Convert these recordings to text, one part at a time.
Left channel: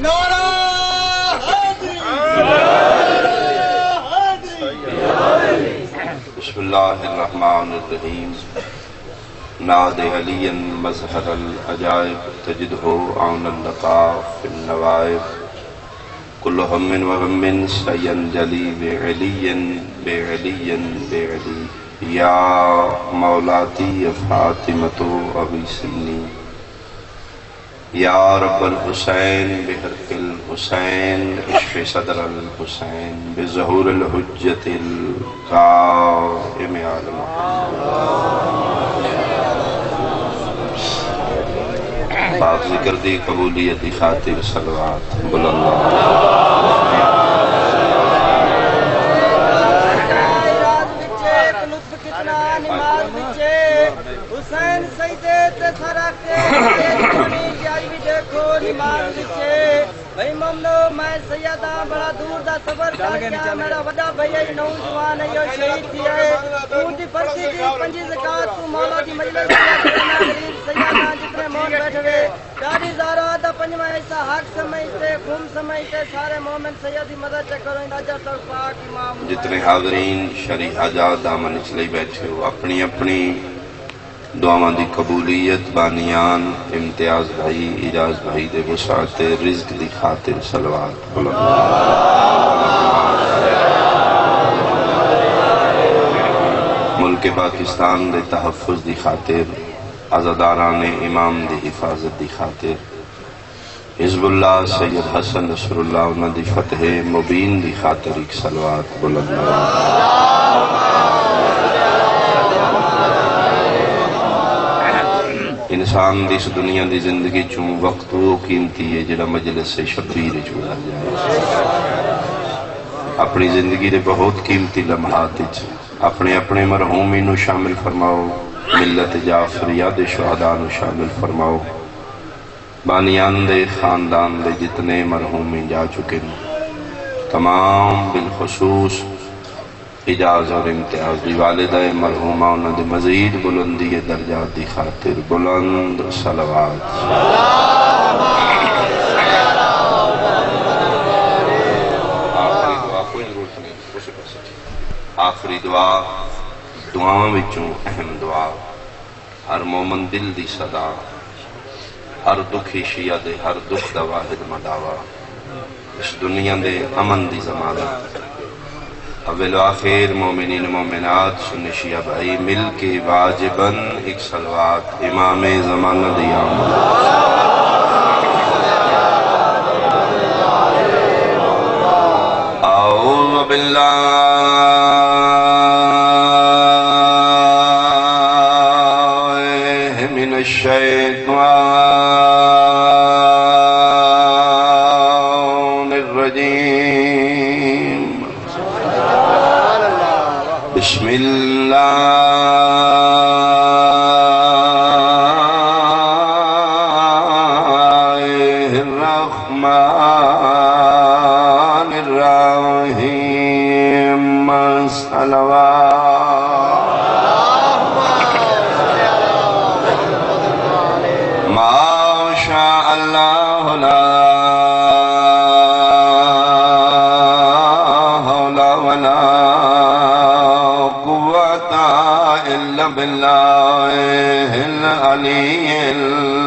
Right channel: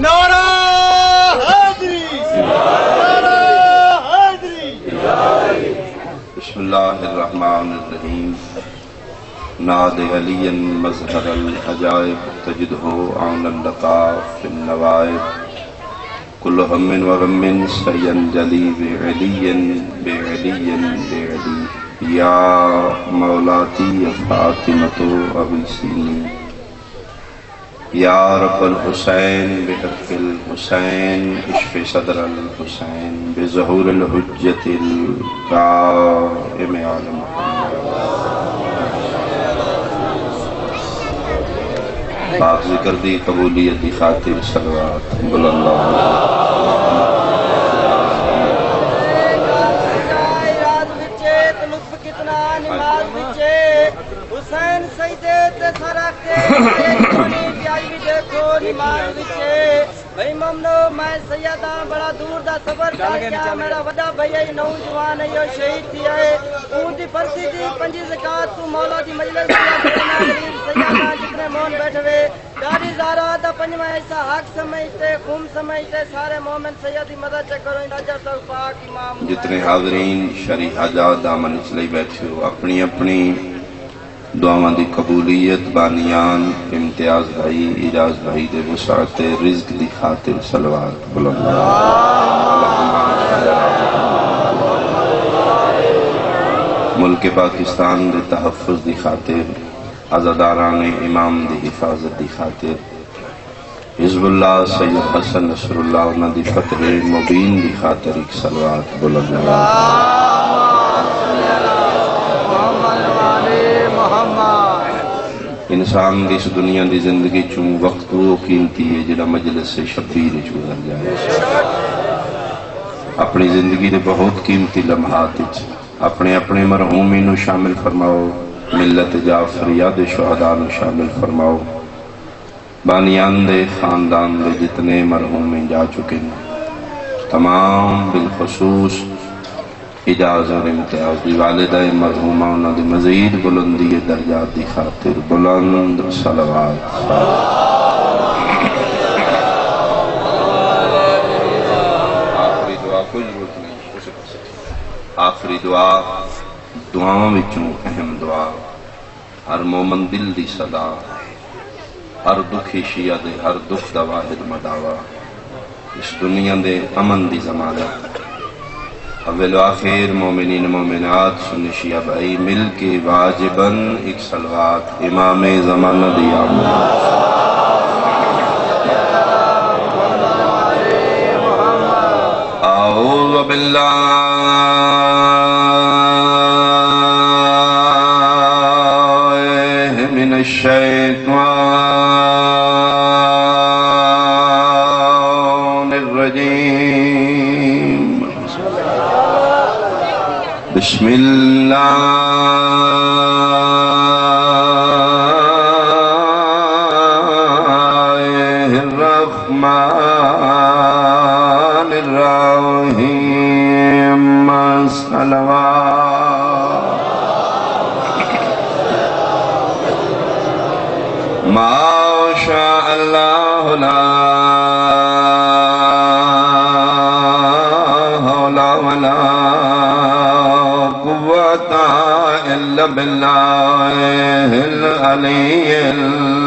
نعرہ حیدری، نعرہ حیدری۔ بسم اللہ الرحمن الرحیم۔ ناد علی مظہر العجائب تجدہ عون اللطاف فی النوائب، کل ہم و غم سینجلی بعلی بعلی بعلی، یا مولاتی فاطمۃ اغیثینی، یا رب الحسین بحق الحسین اشف صدر الحسین بظہور الحجت القائم علی محمد۔ پاک ذکر دی قبولیت دی خاطر صلوات بلند حسین سیدے تے سارا کے پانی کی آئی بھی دیکھو نماز وچے بھائی ممنو میں سیدہ بڑا دور دا سفر کر گیا، میرا وڈا بھائی نوجوان ہے یہ شہید تھی ہے اون دی پرسی دی پنجی زکات تو مولا دی مجلس دی غریب سیدہ جتنے مون بیٹھے ہوئے داری زارا دا پنجواں ایسا حق سمجھتے خون سمجھتے سارے مومن سیدی مدد کرو راجہ تک پاک امام۔ جتنے حاضرین شریح حاجات دامن اچھلے بیٹھے ہو، اپنی اپنی دعاواں دی قبولیت بانیان امتیاز بھائی اجاز بھائی دے وسعت رزق دی خاطر صلوات بلند۔ ملک پاکستان دے تحفظ دی خاطر، عزاداران امام دی حفاظت دی خاطر، حزب اللہ سید حسن نصر اللہ انہاں دی فتح مبین دی خاطر ایک صلوات بلند۔ انسان دی اس دنیا دی زندگی چوں وقت وہ قیمتی ہے جڑا مجلس سے شبیر گزر جائے۔ اپنی زندگی دے بہت قیمتی لمحات اپنے اپنے مرحومی نو شامل فرماؤ، ملت جعفریہ دے شہداء نو شامل فرماؤ، بانیان دے خاندان دے جتنے مرحومی جا چکے ہیں تمام بالخصوص اجاز اور امتیاز دی والدہ مرحومہ انہوں دی مزید بلندی درجات دی خاطر بلند صلوات۔ آخری دعا دعاواں وچوں اہم دعا، ہر مومن دل دی صدا، ہر دکھی شیعہ دے ہر دکھ دا واحد مداوا، اس دنیا دے امن دی ضمانت۔ اول آخر مومنین مومنات سنی شیعہ بھائی مل کے واجباً ایک صلوات امام زمانہ دیا۔ اعوذ باللہ من الشیطان الرجیم، بسم اللہ الرحمن الرحیم، صلوات۔ ما شاء اللہ لا باللہ العلی العظیم،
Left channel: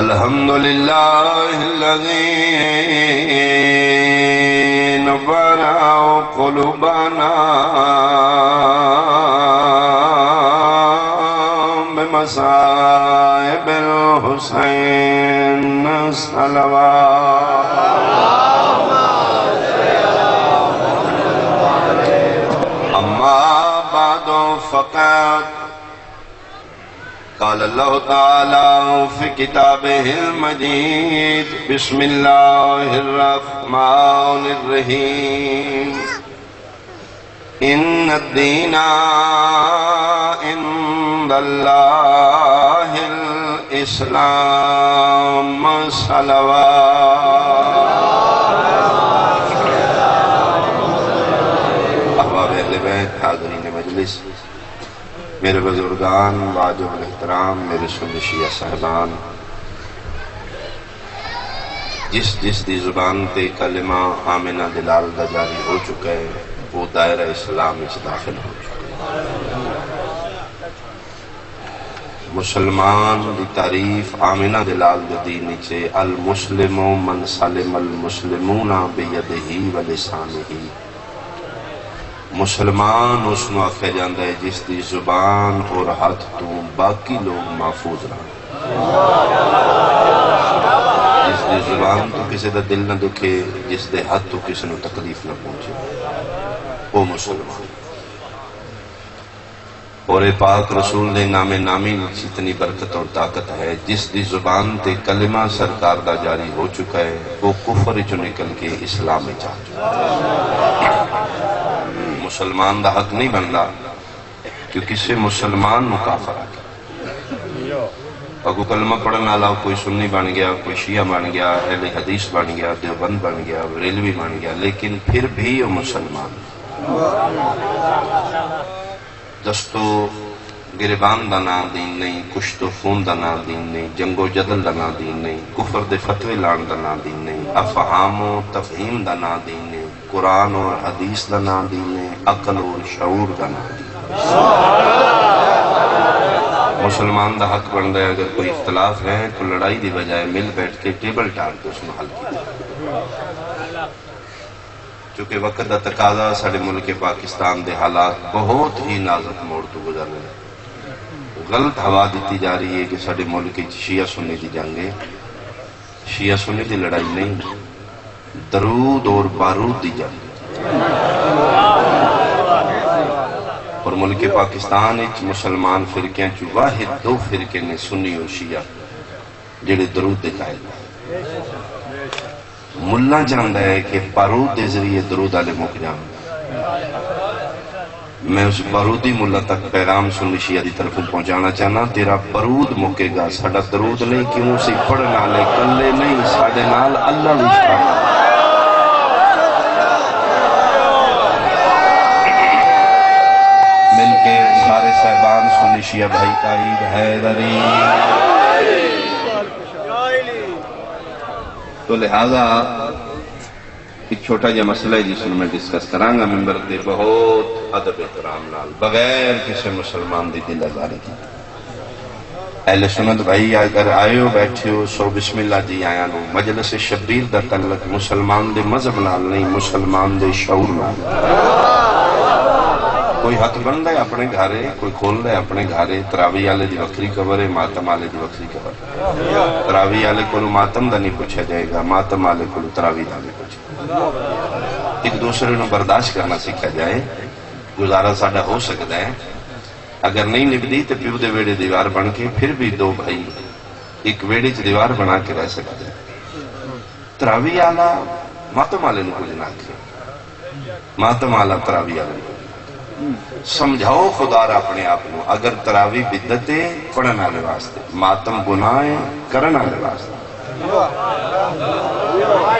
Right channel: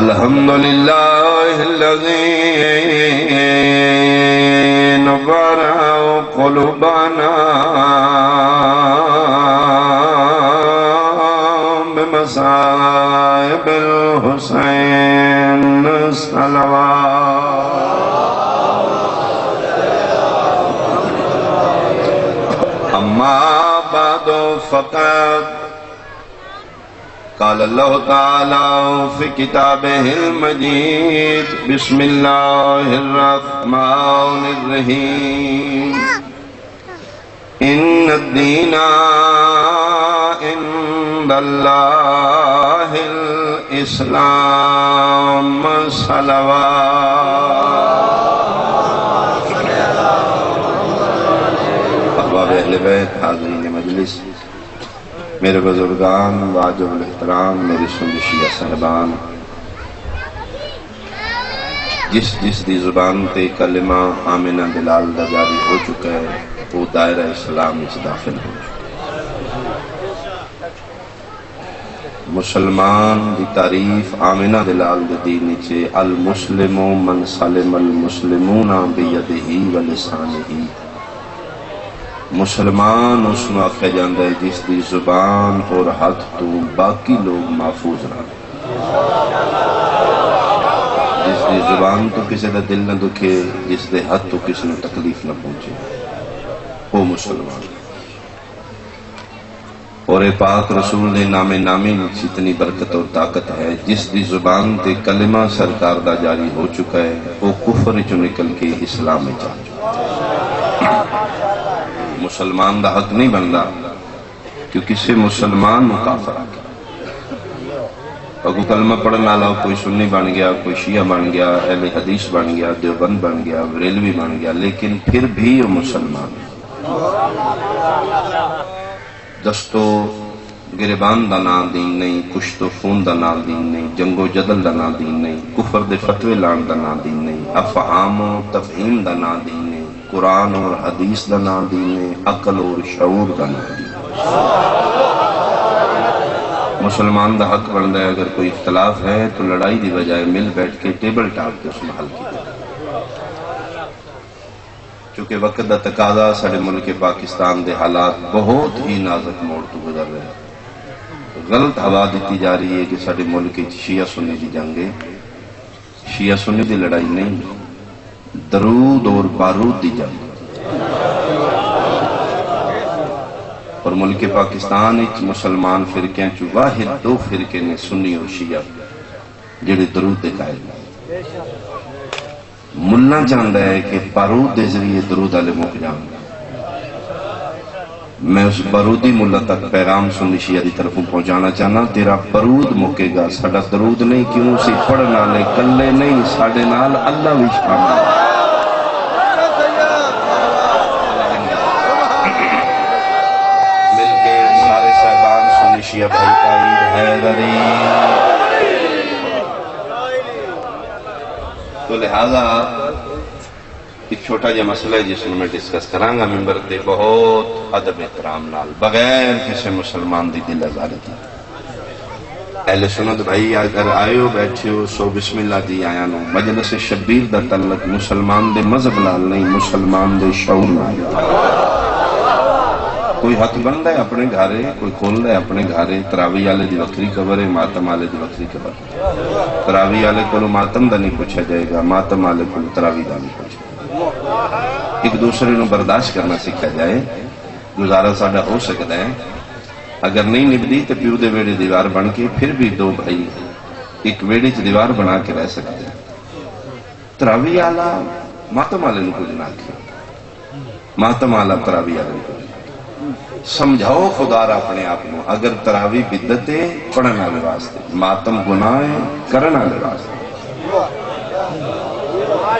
الحمدللہ الذی نور قلوبنا بمصائب الحسین، صلوات۔ اما بعد فقط قال اللہ تعالی فی کتابہ المجید، بسم اللہ الرحمن الرحیم، ان الدین عند اللہ الاسلام، صلوات۔ احباب اہل بیت، حاضرین مجلس، میرے بزرگان واجب الاحترام، میرے سنی شیعہ صاحبان، جس دی زبان تے کلمہ آمنہ دلال دا جاری ہو چکا ہے وہ دائرہ اسلام اس داخل ہو چکا ہے۔ مسلمان دی تعریف آمنہ دلال دے دین نیچے المسلم من سلم المسلمون بیدہ و لسانہ، مسلمان اس میں آکھا جاندہ ہے جس دی زبان اور ہاتھ تو باقی لوگ محفوظ رہا، جس دی زبان تو کسی دا دل نہ دکھے، جس دے ہاتھ تو کسی نے تکلیف نہ پہنچے، وہ مسلمان۔ اور اے پاک رسول نے نام نامی اتنی برکت اور طاقت ہے، جس دی زبان تے کلمہ سرکار دا جاری ہو چکا ہے وہ کفر جو نکل کے اسلام میں جا چکا ہے۔ مسلمان دا حق نہیں بندا کہ کسی مسلمان نو کافر آ گیا، اگو کلمہ پڑھنا والا کوئی سنی بن گیا، کوئی شیعہ بن گیا، اہل حدیث بن گیا، دیوبند بن گیا، بریلوی بن گیا، لیکن پھر بھی وہ مسلمان ہے۔ دستو گریبان دا نام دین نہیں، کشت و خون دا نام دین نہیں، جنگ و جدل دا نام دین نہیں، کفر دے فتوے لان دا نام دین نہیں، افہام و تفہیم دا نام دین نہیں، قرآن اور حدیث دا نام دین نہیں، عقل اور شعور دا نام دین نہیں۔ مسلمان دا حق بنتا ہے اگر کوئی اختلاف ہے تو لڑائی دی بجائے مل بیٹھ کے ٹیبل ٹاک کے اس میں حل کیا، چونکہ وقت دا تقاضا سارے ملک پاکستان دے حالات بہت ہی نازک موڑ تو گزر رہے ہیں۔ غلط ہوا دیتی جا رہی ہے کہ سارے ملک شیعہ سنی دی جنگ ہے، شیعہ سنی دی لڑائی نہیں، درود اور بارود دی جنگ۔ اور ملک پاکستان مسلمان فرقے چ واحد دو فرقے نے سنی اور شیعہ جڑے درود دے قائل ہیں۔ ملا چاہتا ہے کہ بارود دے ذریعے درود والے مک جان، میں اس بارودی ملا تک پیغام سنی شیعہ دی طرف پہنچانا چاہنا، تیرا بارود مکے گا، ساڈا درود نہیں، کیوں اسی پڑھنا لے کلے نہیں، ساڈے نال اللہ بھی شامل۔ مل کے سارے صاحبان سنی شیعہ بھائی تائید حیدری۔ تو لہذا ایک چھوٹا جا مسئلہ ہے جس میں ڈسکس کرانگا ممبر دے بہت ادب احترام نال، بغیر کسی مسلمان دی دل آزاری دی۔ اہل سنت بھائی اگر آئے ہو بیٹھے ہو سو بسم اللہ جی آیا نو، مجلس شبیر دا تعلق مسلمان دے مذہب نال نہیں، مسلمان دے شعور نال۔ کوئی حق بنتا ہے اپنے گھارے، کوئی کھول رہا ہے اپنے گھارے، تراوی والے دی وکری خبر ہے، ماتم والے دی وکری خبر ہے۔ تراوی والے کو ماتم دا نہیں پوچھا جائے گا، ماتم والے کو تراوی دا نہیں پوچھا۔ ایک دوسرے نو برداشت کرنا سیکھا جائے، گزارا ساڈا ہو سکتا ہے، اگر نہیں نبدی تو پیو دے ویڑے دیوار بن کے پھر بھی دو بھائی ایک ویڑے چ دیوار بنا کے رہ سکتے ہیں۔ تراوی والا ماتم والے نو کچھ نہ آکھے، ماتم والا تراوی والے کو سمجھاؤ خدا را اپنے آپ کو، اگر تراوی بدت ہے پڑھن والے واسطے، ماتم گناہ ہے کرن والے واسطے،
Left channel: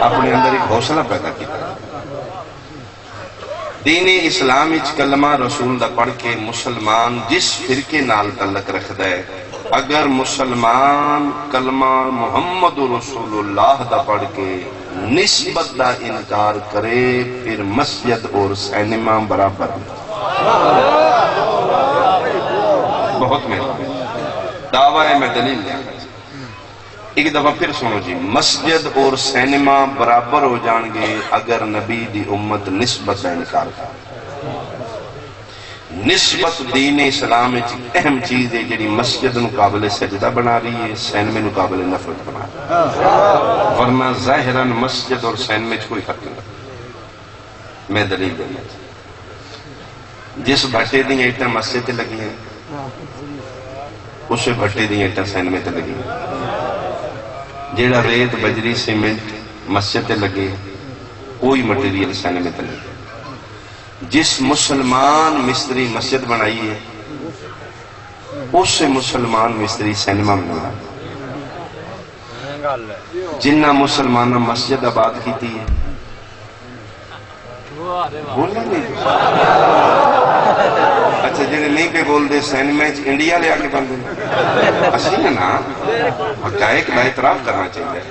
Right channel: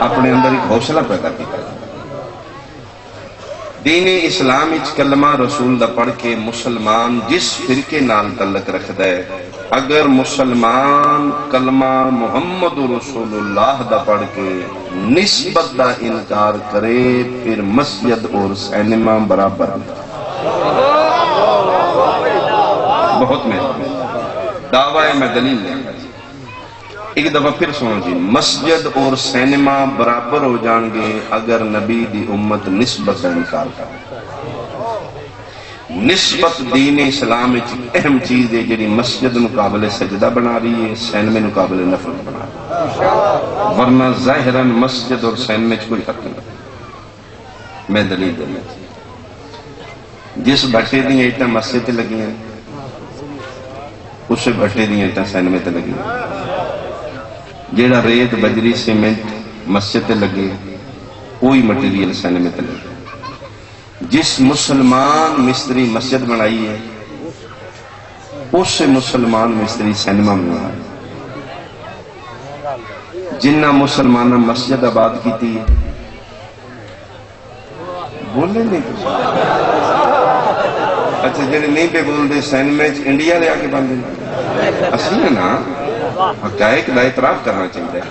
اپنے اندر ایک حوصلہ پیدا کیا۔ دین اسلام وچ کلمہ رسول دا پڑھ کے مسلمان جس فرقے نال تعلق رکھدا ہے، اگر مسلمان کلمہ محمد رسول اللہ دا پڑھ کے نسبت دا انکار کرے پھر مسجد اور سینما برابر بہت محنت دعویٰ ہے، میں دلیل دیں گا۔ ایک دفعہ پھر سنو جی، مسجد اور سینما برابر ہو جان گے اگر نبی دی امت نسبت کا انکار کر۔ نسبت دین اسلام ایک اہم چیز ہے جڑی مسجد مقابلے سجدہ بنا رہی ہے، سینمے مقابلے نفل بنا رہی ہے، ورنہ ظاہراً مسجد اور سینمے کوئی فرق نہیں۔ میں دلیل دیں گا، جس بھٹے دی اینٹاں مسجد تے لگی ہیں اس بھٹے دی اینٹاں سینمے تے لگی ہیں، جیڑا ریت بجری سیمنٹ مسجد تے لگے کوئی مٹیریل سینمے تے لگے۔ جس مسلمان مستری مسجد بنائی ہے اس سے مسلمان مستری سینما بنا، جنہ مسلمان مسجد آباد کی تھی بولنے نہیں اچھا جڑے نہیں پہ بول دے سینمے انڈیا لے آ کے بن دے اسی ہے نا حقائق کا اعتراف کرنا چاہیے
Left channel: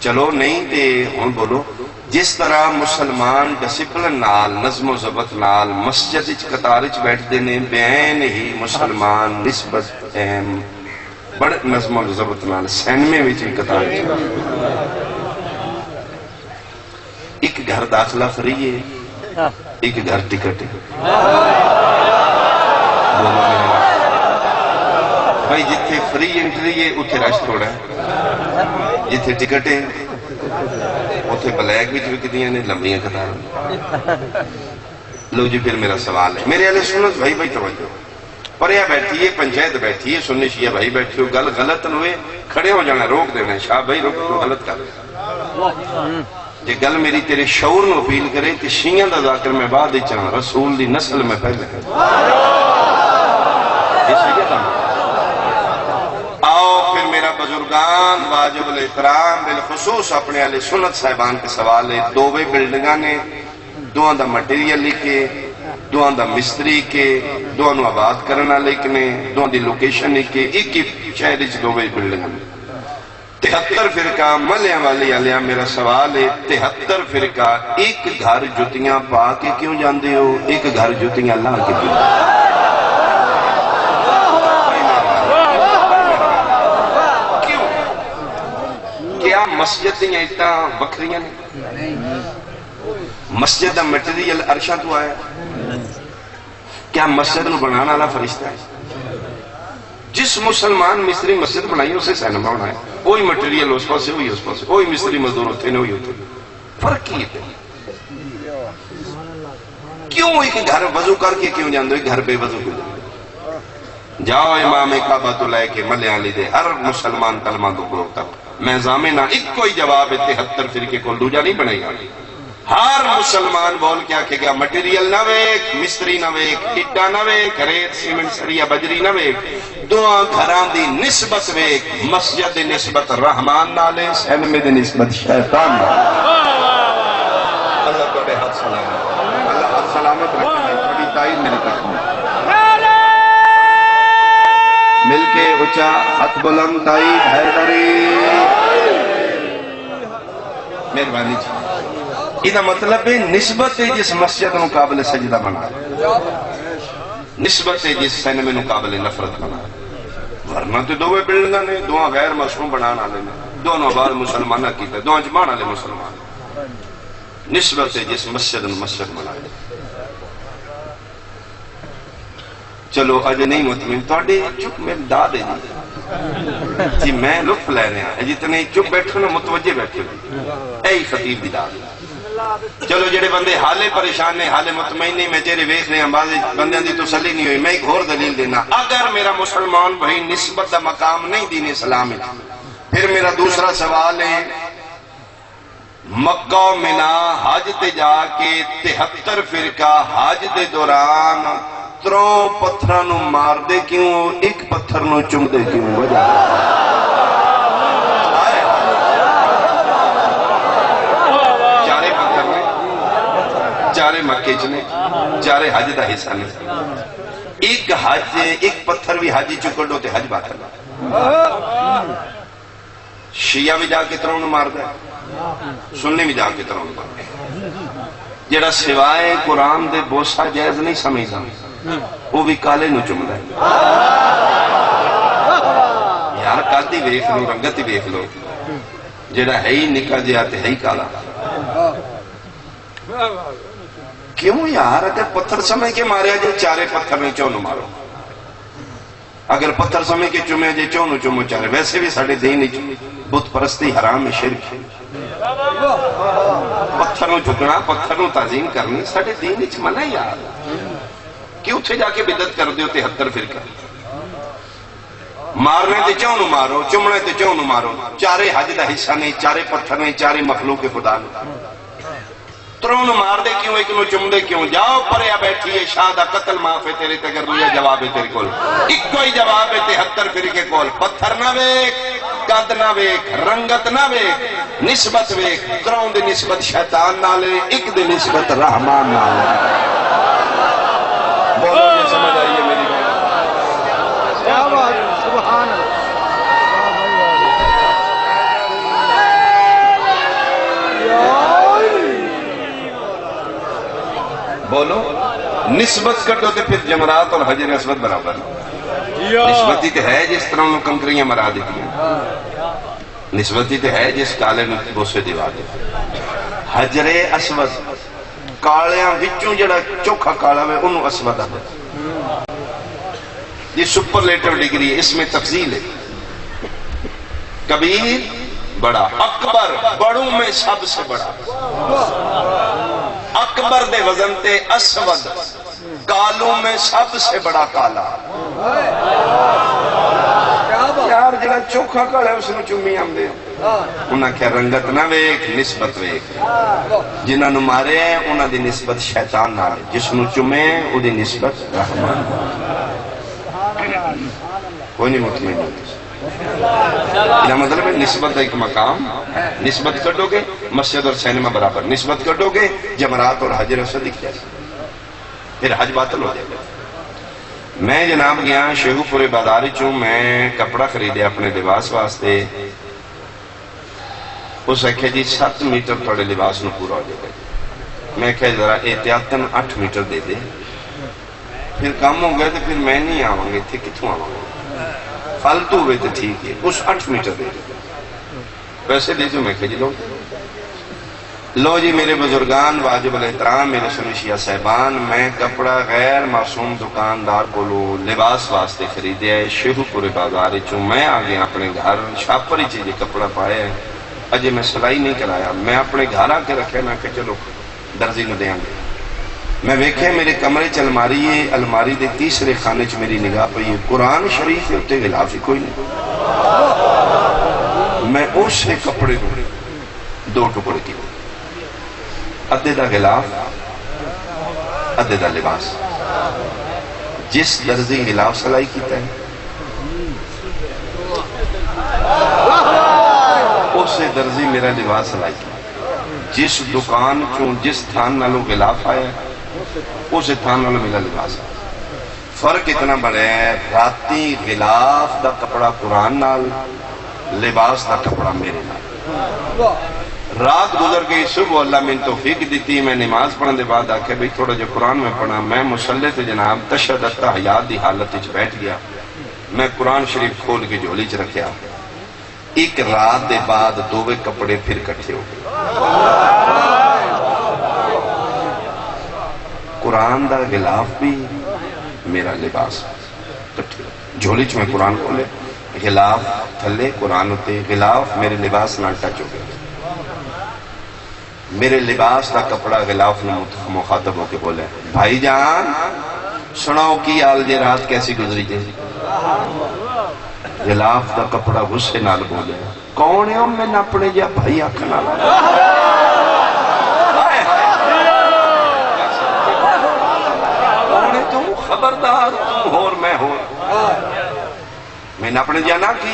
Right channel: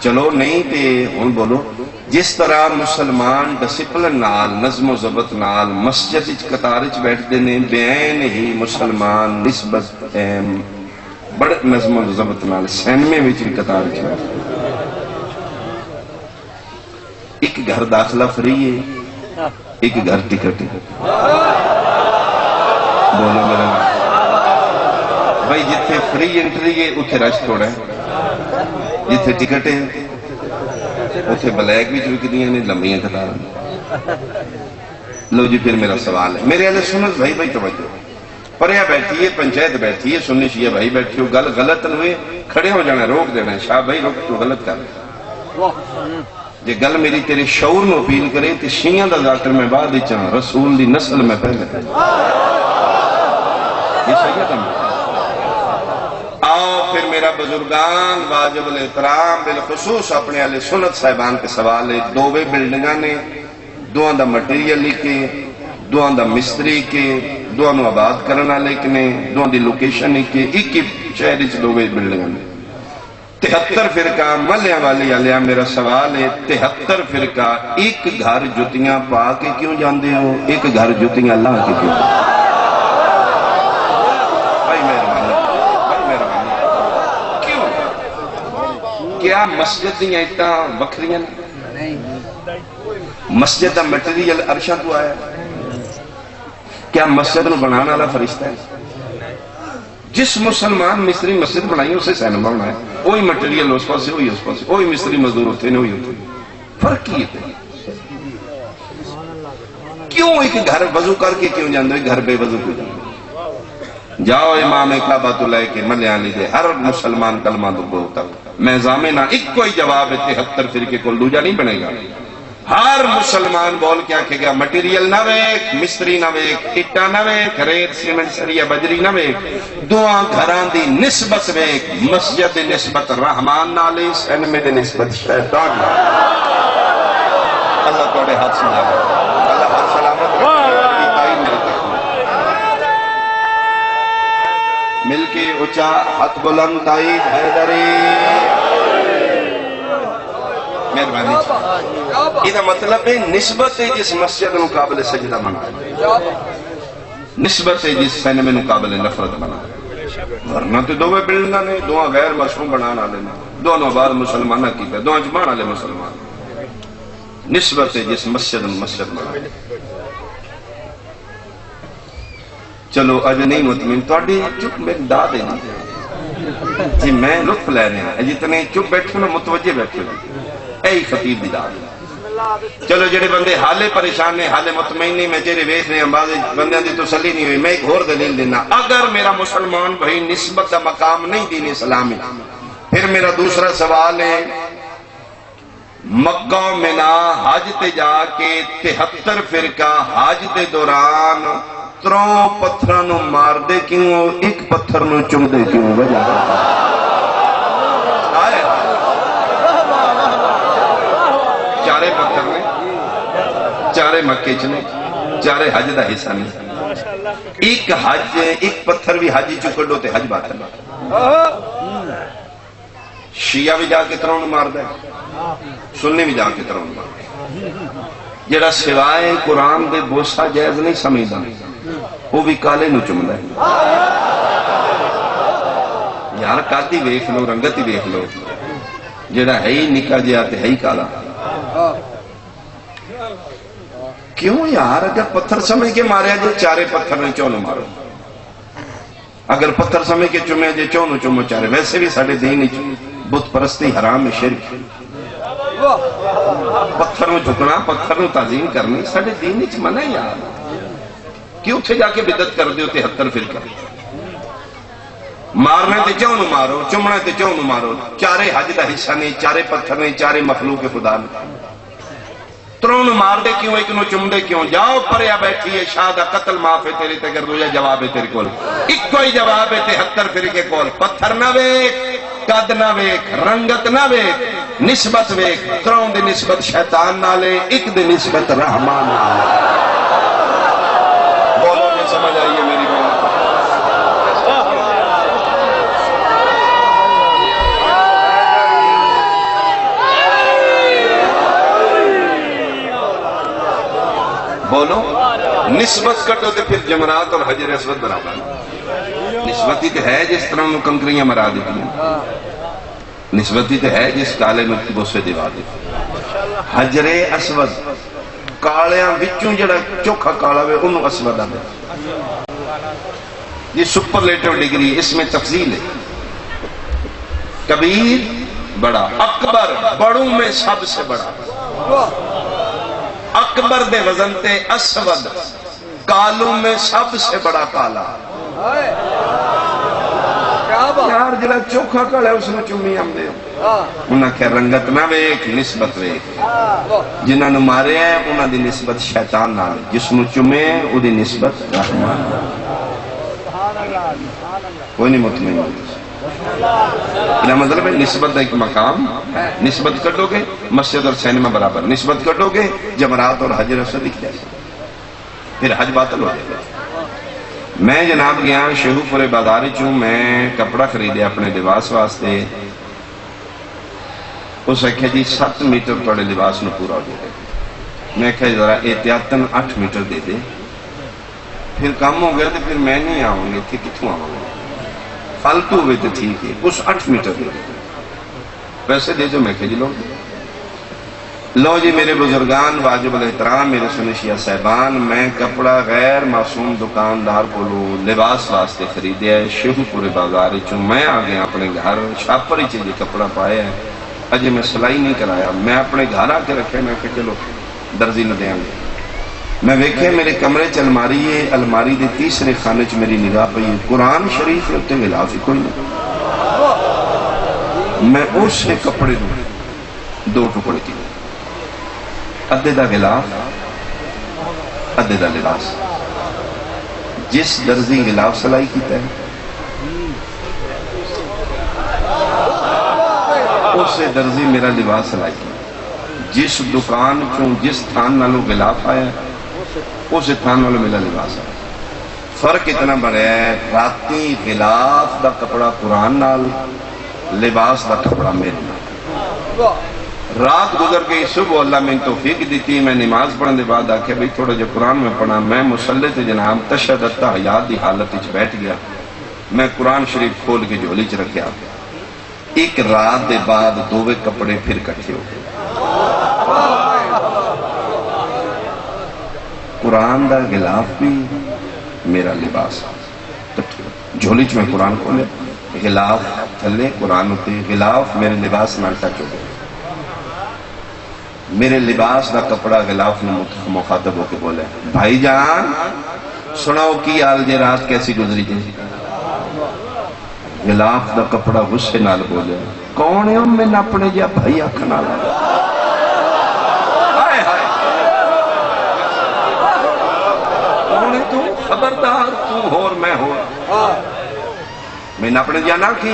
چلو نہیں تے ہوں بولو جس طرح مسلمان ڈسپلن نال نظم و ضبط نال مسجد قطار بیٹھتے ہیں بین ہی مسلمان نسبت بڑے نظم و ضبط نال سینمے قطار ایک گھر داخلہ فری ہے ایک گھر ٹکٹ ہے بھائی جتھے فری انٹری ہے اتنے رش تھوڑا ہے جتھے ٹکٹ ہے اتنے بلیک بھی وکدیاں نے لمبیاں قطار لو جی پھر میرا سوال ہے میرے اہل سنت بھائی بھائی توجہ پریا بیٹھی ہے پنچایت بیٹھی ہے سنی شیعہ بھائی بیٹھی ہو گل غلط نہ ہوئے کھڑے ہو جانا روک دینا شاہ بھائی روک تو غلط کر یہ گل میری تیرے شعور میں اپیل کرے تو شیعہ دا ذاکر میں بعد چاہاں رسول دی نسل میں پہلے یہ صحیح ہے آؤ پھر میرا بزرگان واجب الاحترام بالخصوص اپنے اہل سنت صاحبان کے سوال ہے دو بھائی بلڈنگاں نے دو دا مٹیریل لکھے دو دا مستری کے دو نو آباد کرنا لکھنے دو دی لوکیشن لکھے ایک شہر اچھ دو بھائی بلڈنگاں نے 73 فرقہ ملیاں والی علیہ میرا سوال ہے 73 فرقہ ایک گھر جتیاں پا کے کیوں جاندے ہو ایک گھر جتیاں لا کے کیوں کیا مسجد دیا ایٹا بکریاں مسجد دا مٹیریل عرشہ تو آیا کیا مسجد نو بنانا والا فرشتہ ہے جس مسلمان مصری مسجد بنائی اسے سینما بنایا وہی مٹیریل اس پاس سے وہی اس پاس سے وہی مصری مزدور ہوتے ہیں وہی ہوتے ہیں فرق کی ہے کیوں ایک گھر وضو کر کے کیوں جاندو ایک گھر بے وضو کو جاندو جاؤ امام کعبہ تو لے کے ملیاں لی دے ہر مسلمان کلمہ دو ہوتا میں زامنہ ایک کوئی جواب 73 فرقے کو دوجا نہیں بنے گا ہر مسلمان بول کیا کہ گیا مٹیریل نہ ویک مستری نہ ویک اٹا نہ ویک ریت سیمنٹ سریا بجری نہ ویک دعا گھران دی نسبت ویک مسجد دی نسبت رحمان نالے سینمے دی نسبت شیطان نالے اللہ توڑے ہاتھ سلامت اللہ ہاتھ سلامت رکھنے تائید میرے تخمہ مل کے اچھا ہاتھ بلند تائید حیدری مہربانی یہ مطلب ہے نسبت ہے جس مسجد نو قابل سجدہ بنا نسبت ہے جس سینمے نو قابل نفرت بنا ورنہ تو دو بلڈنگاں نے دو غیر مشروع بنانا لے دونوں بعد مسلمانہ کیتا دو جمانا لے مسلمان نسبت ہے جس مسجد نو مسجد بنا چلو اج نہیں مطمئن توڑے چپ میں دا دے جی میں لطف لینے ہیں جتنے چپ بیٹھو نو متوجہ بیٹھو اے خطیب بھی دا دے چلو جڑے بندے حالے پریشان نے حالے مطمئن نہیں میں تیرے ویکھ رہے ہیں بعض بندے دی تسلی نہیں ہوئی میں ایک اور دلیل دینا اگر میرا مسلمان بھائی نسبت کا مقام نہیں دین اسلام ہے پھر میرا دوسرا سوال ہے مکہ و منا حج تے جا کے 73 فرقہ حج دے دوران تروں پتھرانو مار دے کیوں ایک پتھر نو چم دے کیوں وجہ چارے پتھر نے چارے مکے چنے چارے حج دا حصہ نہیں ایک حج ایک پتھر بھی حج چکڑو تے حج بات ہے شیعہ بھی جا کے تروں نو مار دے سنی بھی جا کے تروں نو مار دے جڑا سوائے قرآن دے بوسا جائز نہیں سمجھا وہ بھی کالے نو چمنا ہے یار کاتی ویکھ لو رنگتی ویکھ لو جڑا ہے ہی نکا جیا تے ہے ہی کالا کیوں یار اگر پتھر سمجھ کے ماریا جو چارے پتھر نے چونو مارو اگر پتھر سمجھ کے چمے جو چونو چمو چارے ویسے بھی ساڑھے دین بت پرستی حرام شرک پتھر نو جھکنا پتھر نو تعظیم کرنی ساڑھے دین منع یار کیوں تھے جا کے بدت کر دیو 73 فرقہ مارنے تے چوں نو مارو چمنے تے چوں نو مارو چارے حج دا حصہ نہیں چارے پتھر نہیں چارے مخلوق خدا نہیں تروں نو مار دے کیوں ایک نو چم دے کیوں جاؤ پریا بیٹھی ہے شاہ دا قتل معاف ہے تیرے تے اگر یہ جواب ہے تیرے کول ایک کوئی جواب ہے 73 فرقے کول پتھر نہ ویک قد نہ ویک رنگت نہ ویک نسبت ویک تروں دی نسبت شیطان نالے ایک دی نسبت رحمان نالے بولو یہ سمجھ آئیے میری بات بولو نسبت کٹو تو پھر جمرات اور حجر اسود برابر نسبتی تو ہے جس طرح وہ کنکریاں مرا دیتی ہیں نسبتی تو ہے جس کالے میں بوسے دیوا دیتی حجر اسود کالیاں وچوں جڑا چوکھا کالا ہوئے انہوں اسود آدھے یہ سپرلیٹو ڈگری ہے اس میں تفضیل ہے کبیر بڑا اکبر بڑوں میں سب سے بڑا اکبر دے وزن تے اسود کالوں میں سب سے بڑا کالا یار جڑا چوکھا کالا ہے اس نے چومی ہم دے انہاں کہ رنگت نہ ویک نسبت ویک جنہاں نو مارے ہیں انہاں دی نسبت شیطان نال جس نو چومے او دی نسبت رحمان کوئی نہیں مطمئن یہ مطلب ہے نسبت ایک مقام نسبت کٹو گے مسجد اور سینما برابر نسبت کٹو گے جمرات اور حجر اسود دکھ جائے پھر حج باطل ہو جائے میں جناب گیا شیخو پورے بازاری چوں میں کپڑا خریدے اپنے لباس واسطے اس ایکھے جی 7 میٹر پڑے لباس نو پورا ہو جائے میں کہا ذرا احتیاطاً 8 میٹر دے دے پھر کام ہو گیا تو پھر میں نہیں آؤں گے تھے کتوں آؤں گے فالتو ہوئے تو ٹھیک ہے اس 8 میٹر دے دے پیسے دے تو میں کہ جی لو جی میرے بزرگان واجب الاحترام میرے سنشیہ صاحبان میں کپڑا غیر معصوم دکاندار بولو لباس واسطے خریدے ہے شیخو پورے بازار چوں میں آگے اپنے گھر شاپر ہی چاہیے کپڑا پایا ہے اجے میں سلائی نہیں کرایا میں اپنے گھر آ کے رکھے میں کہ چلو درزی نہ دیں گے میں ویکھے میرے کمرے چ الماری ہے الماری دے تیسرے خانے چ میری نگاہ پئی ہے قرآن شریف کے اتنے غلاف ہی کوئی نہیں میں اس سے کپڑے دو ٹکڑ کی ادھے دا غلاف ادھے دا لباس جس درزی غلاف سلائی کیتا ہے اس سے درزی میرا لباس سلائی کیتا جس دکان چوں جس تھان نالوں غلاف آیا اس تھان نالوں میرا لباس آیا فرق اتنا بڑا ہے راتی غلاف دا کپڑا قرآن نال لباس دا کپڑا میرے نال رات گزر گئی صبح اللہ میں توفیق دیتی میں نماز پڑھنے بعد آکھے بھئی تھوڑا جو قرآن میں پڑھا میں مسلح تے جناب تشدد حیات دی حالت وچ بیٹھ گیا میں قرآن شریف کھول کے جھولی چ رکھیا ایک رات دے بعد دووے کپڑے پھر کٹھے ہو گئے قرآن دا غلاف بھی میرا لباس جھولی چ میں قرآن کھولے غلاف تھلے قرآن ہوتے غلاف میرے لباس نال ٹچ ہو گئے میرے لباس دا کپڑا غلاف نے مخاطب ہو کے بولے بھائی جان سناؤ کی آل جے رات کیسی گزری جے غلاف دا کپڑا غصے نال بولے کون ہے میں اپنے جا بھائی آکھنا خبردار تم ہو اور میں ہوں میں نے اپنے جا نہ کی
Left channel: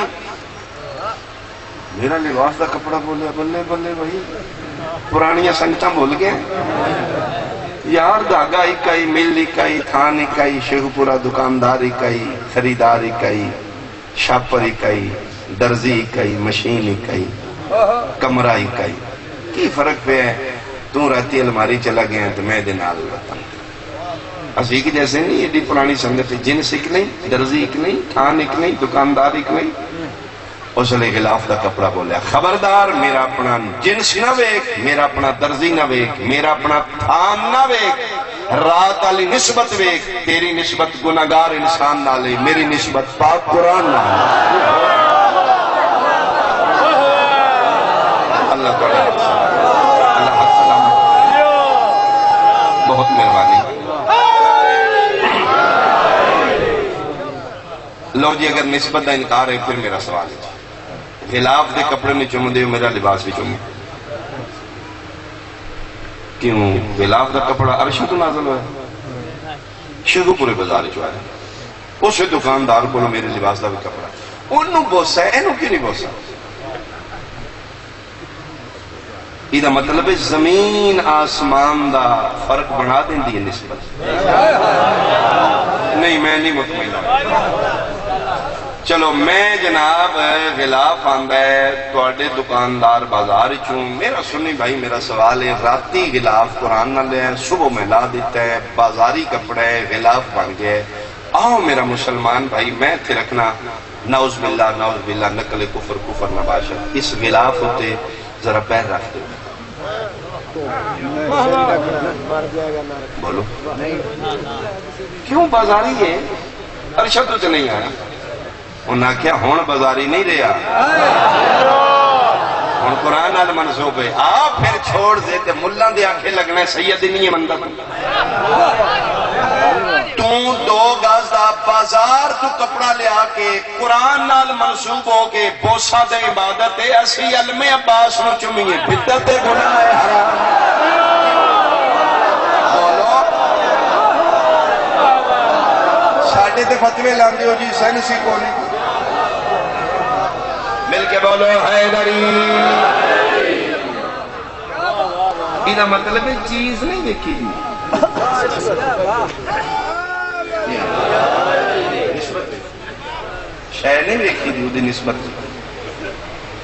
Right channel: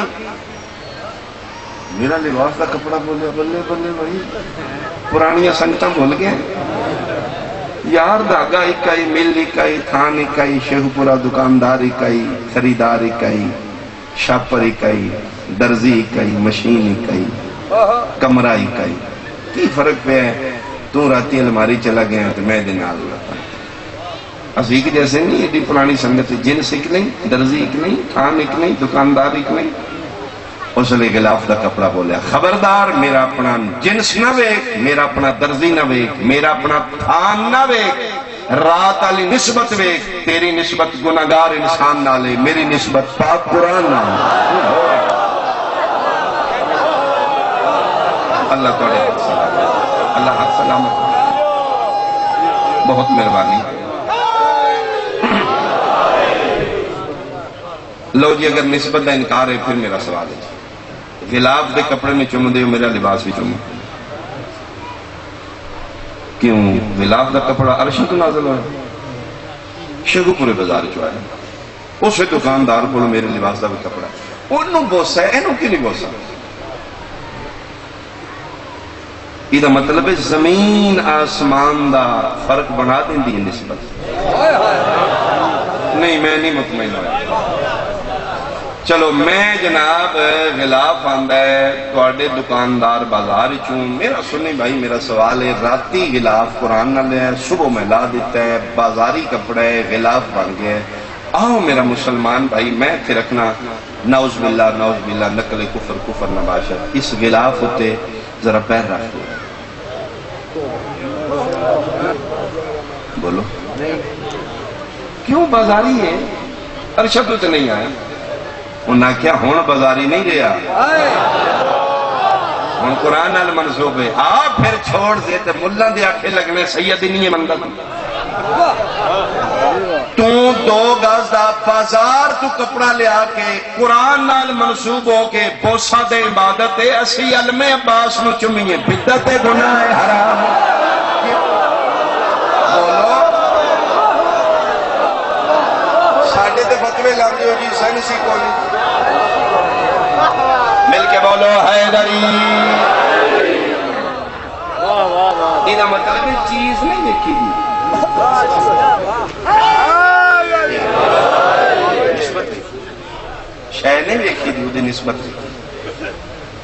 میرا لباس کا کپڑا بولے بلے بلے بھائی پرانی سنگتاں بھول گئے یار داغا اکائی مل اکائی تھان اکائی شیخو پورا دکاندار اکائی خریدار اکائی شاپر اکائی درزی اکائی مشین اکائی کمرہ اکائی کی فرق پہ ہے تو راتی الماری چلا گیا تو میں دن آل رہتا اسیق جیسے نہیں ایڈی پرانی سنگت جنس ایک نہیں درزی ایک نہیں تھان ایک نہیں دکاندار ایک نہیں اس نے غلاف دا کپڑا بولیا خبردار میرا اپنا جنس نہ ویک میرا اپنا درزی نہ ویک میرا اپنا تھان نہ ویک رات علی نسبت ویک تیری نسبت گناہگار انسان نہ لے میری نسبت پاک قرآن نہ لے اللہ تعالیٰ اللہ حق سلامت بہت مہربانی لو جی اگر نسبت دا انکار ہے پھر میرا سوال ہے غلاف دے کپڑے میں چوم دے میرا لباس بھی چوم کیوں غلاف دا کپڑا عرشی تو نازل ہوا شیخو پورے بازار چو آیا اس سے دکاندار کو میرے لباس دا بھی کپڑا انہوں بوسا ہے انہوں کیوں نہیں بوسا یہ مطلب ہے زمین آسمان دا فرق بنا دیں دی نسبت نہیں میں نہیں مطمئن چلو میں جناب غلاف آندہ ہے توڑے دکاندار بازار چوں میرا سنی بھائی میرا سوال ہے راتی غلاف قرآن نہ لے صبح میں لا دیتا ہے بازاری کپڑے غلاف بن گئے آؤ میرا مسلمان بھائی میں تھے رکھنا نعوذ باللہ نقل کفر نباشت اس غلاف ہوتے ذرا پیر رکھ دے بولو کیوں بازاری ہے ارشد تو نہیں آیا انہاں کیا ہون بازاری نہیں رہا ہون قرآن نال منسوب ہے پھر چھوڑ دے تے ملہ دے آکھے لگنے سید نہیں ہے مندہ تو 2 گز دا بازار تو کپڑا لے آکے قرآن نال منسوب ہو کے بوسا دے عبادت ہے اسی علم عباس نو چمیے بدت گناہ ہے حرام ساڑھے تے فتوے لاندے ہو جی سائنسی کونی مل کے بولو حیدری یہ مطلب ہے چیز نہیں دیکھی دی شے نہیں دیکھی دی نسبت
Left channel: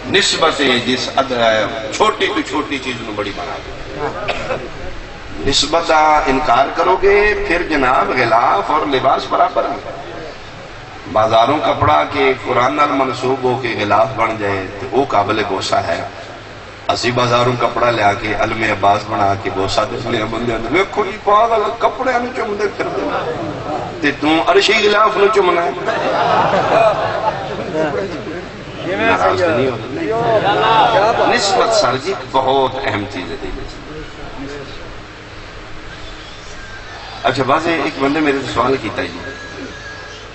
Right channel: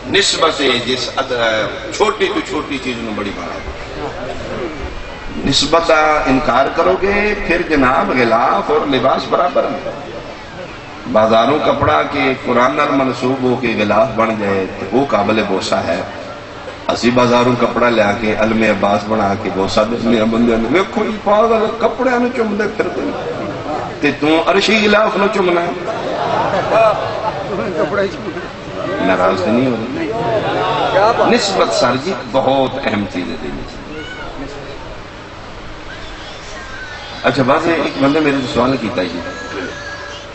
نسبت جس چھوٹی تو چھوٹی چیز نو بڑی بنا دے نسبت انکار کرو گے پھر جناب غلاف اور لباس برابر ہیں بازاروں کپڑا کے قرآن نال منسوب ہو کے غلاف بن جائے تو وہ قابل بوسا ہے اسی بازاروں کپڑا لیا کے علم عباس بنا کے بوسا دسلیا بندے دیکھو یہ پاگل کپڑے نو چم دے پھر تے تو عرشی غلاف نو چمنا ہے ناراض نہیں ہو نسبت سر جی بہت اہم چیز ہے اچھا بازے ایک بندے میرے سوال کیتا جی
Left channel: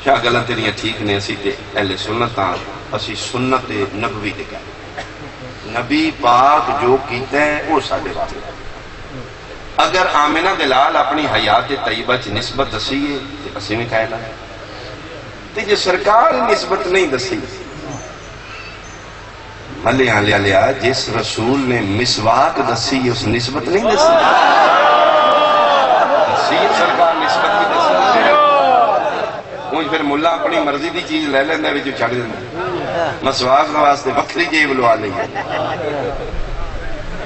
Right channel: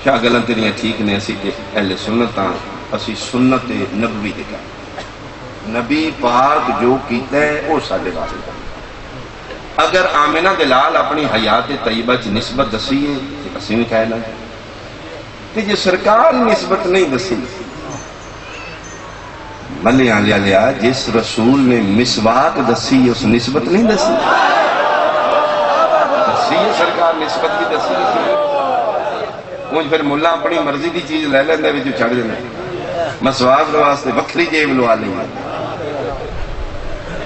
شاہ گلن تیریاں ٹھیک نے اسی تے اہل سنتاں اسی سنت نبوی دے کر نبی پاک جو کیتا ہے وہ سادے بات ہے اگر آمنہ دلال اپنی حیات طیبہ چ نسبت دسی ہے تے اسی میں کہہ لیں تے جو سرکار نسبت نہیں دسی ملیاں لیا جس رسول نے مسواک دسی اس نسبت نہیں دسی سرکار نسبت کی دسی ان پھر ملا اپنی مرضی دی چیز لے لیندے وچ چڑھ جاندے مسواک واسطے وکری جیب لوا لی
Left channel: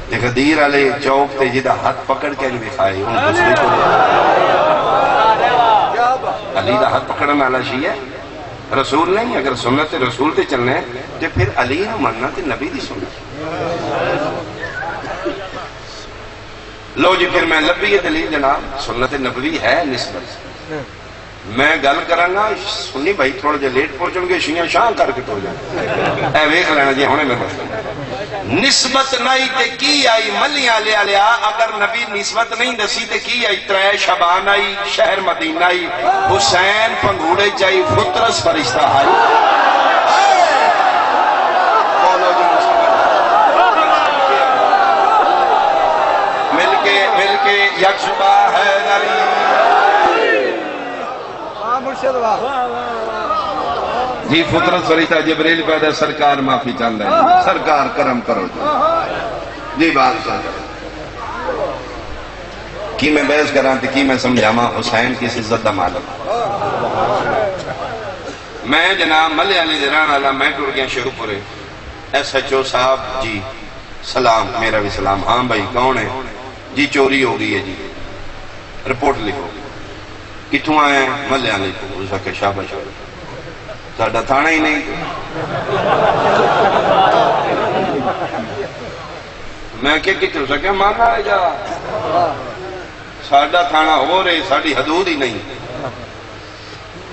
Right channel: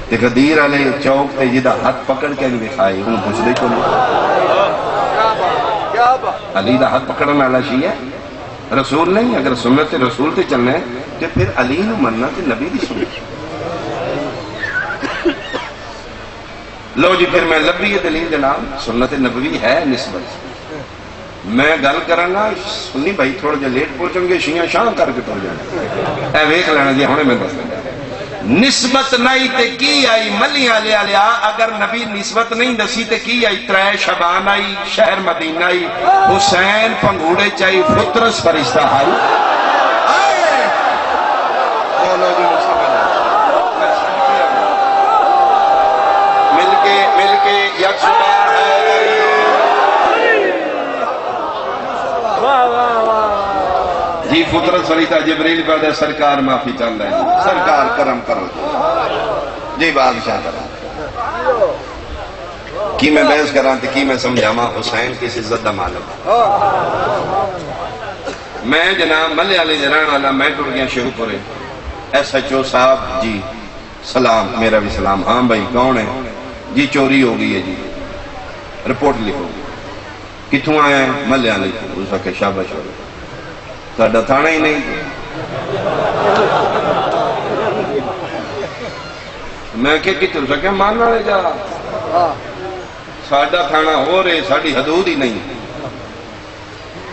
تے غدیر والے چوک تے جدا ہاتھ پکڑ کے نہیں دکھائے ان دوسرے کو علی دا ہاتھ پکڑن والا شیعہ رسول نہیں اگر سنت رسول تے چلنے تے پھر علی نو مننا تے نبی دی سنت لو جی پھر میں لبی دلیل جناب سنت نبوی ہے نسبت میں گل کرانگا سنی بھائی تھوڑا جا لیٹ پہنچن گے شیعہ شاہ کر کے تو جائے اے ویکھ لینا جی ہونے میں مسئلہ نسبت نہیں تے کی آئی ملیاں لیا لیا اگر نبی نسبت نہیں دسی تے کی آئی 3 شبان آئی شہر مدینہ آئی حسین پنگوڑے چائی فطرس فرشتہ آئی مل کے یک شبہ ہے جی فطرت فرشتہ جبریل پیدا سرکار معافی چاہتا ہے سرکار کرم کرو جی بادشاہ کرو کی میں بحث کران تھی کی میں سمجھاما حسین کس عزت دا معلوم میں جناب ملے علی جنان والا میں ٹر گیا شروع پورے ایس ایچ او صاحب جی سلام میرا بھی سلام ہاں بھائی کون ہے جی چوری ہو گئی ہے جی رپورٹ لکھو کتوں آئے ملے علی اس وقت شاباش ہو تھوڑا تھانا ہی نہیں میں کہ کتوں سکے ماننا رہے جا ساڑھا تھانا ہو رہے ساڑھی حدود ہی نہیں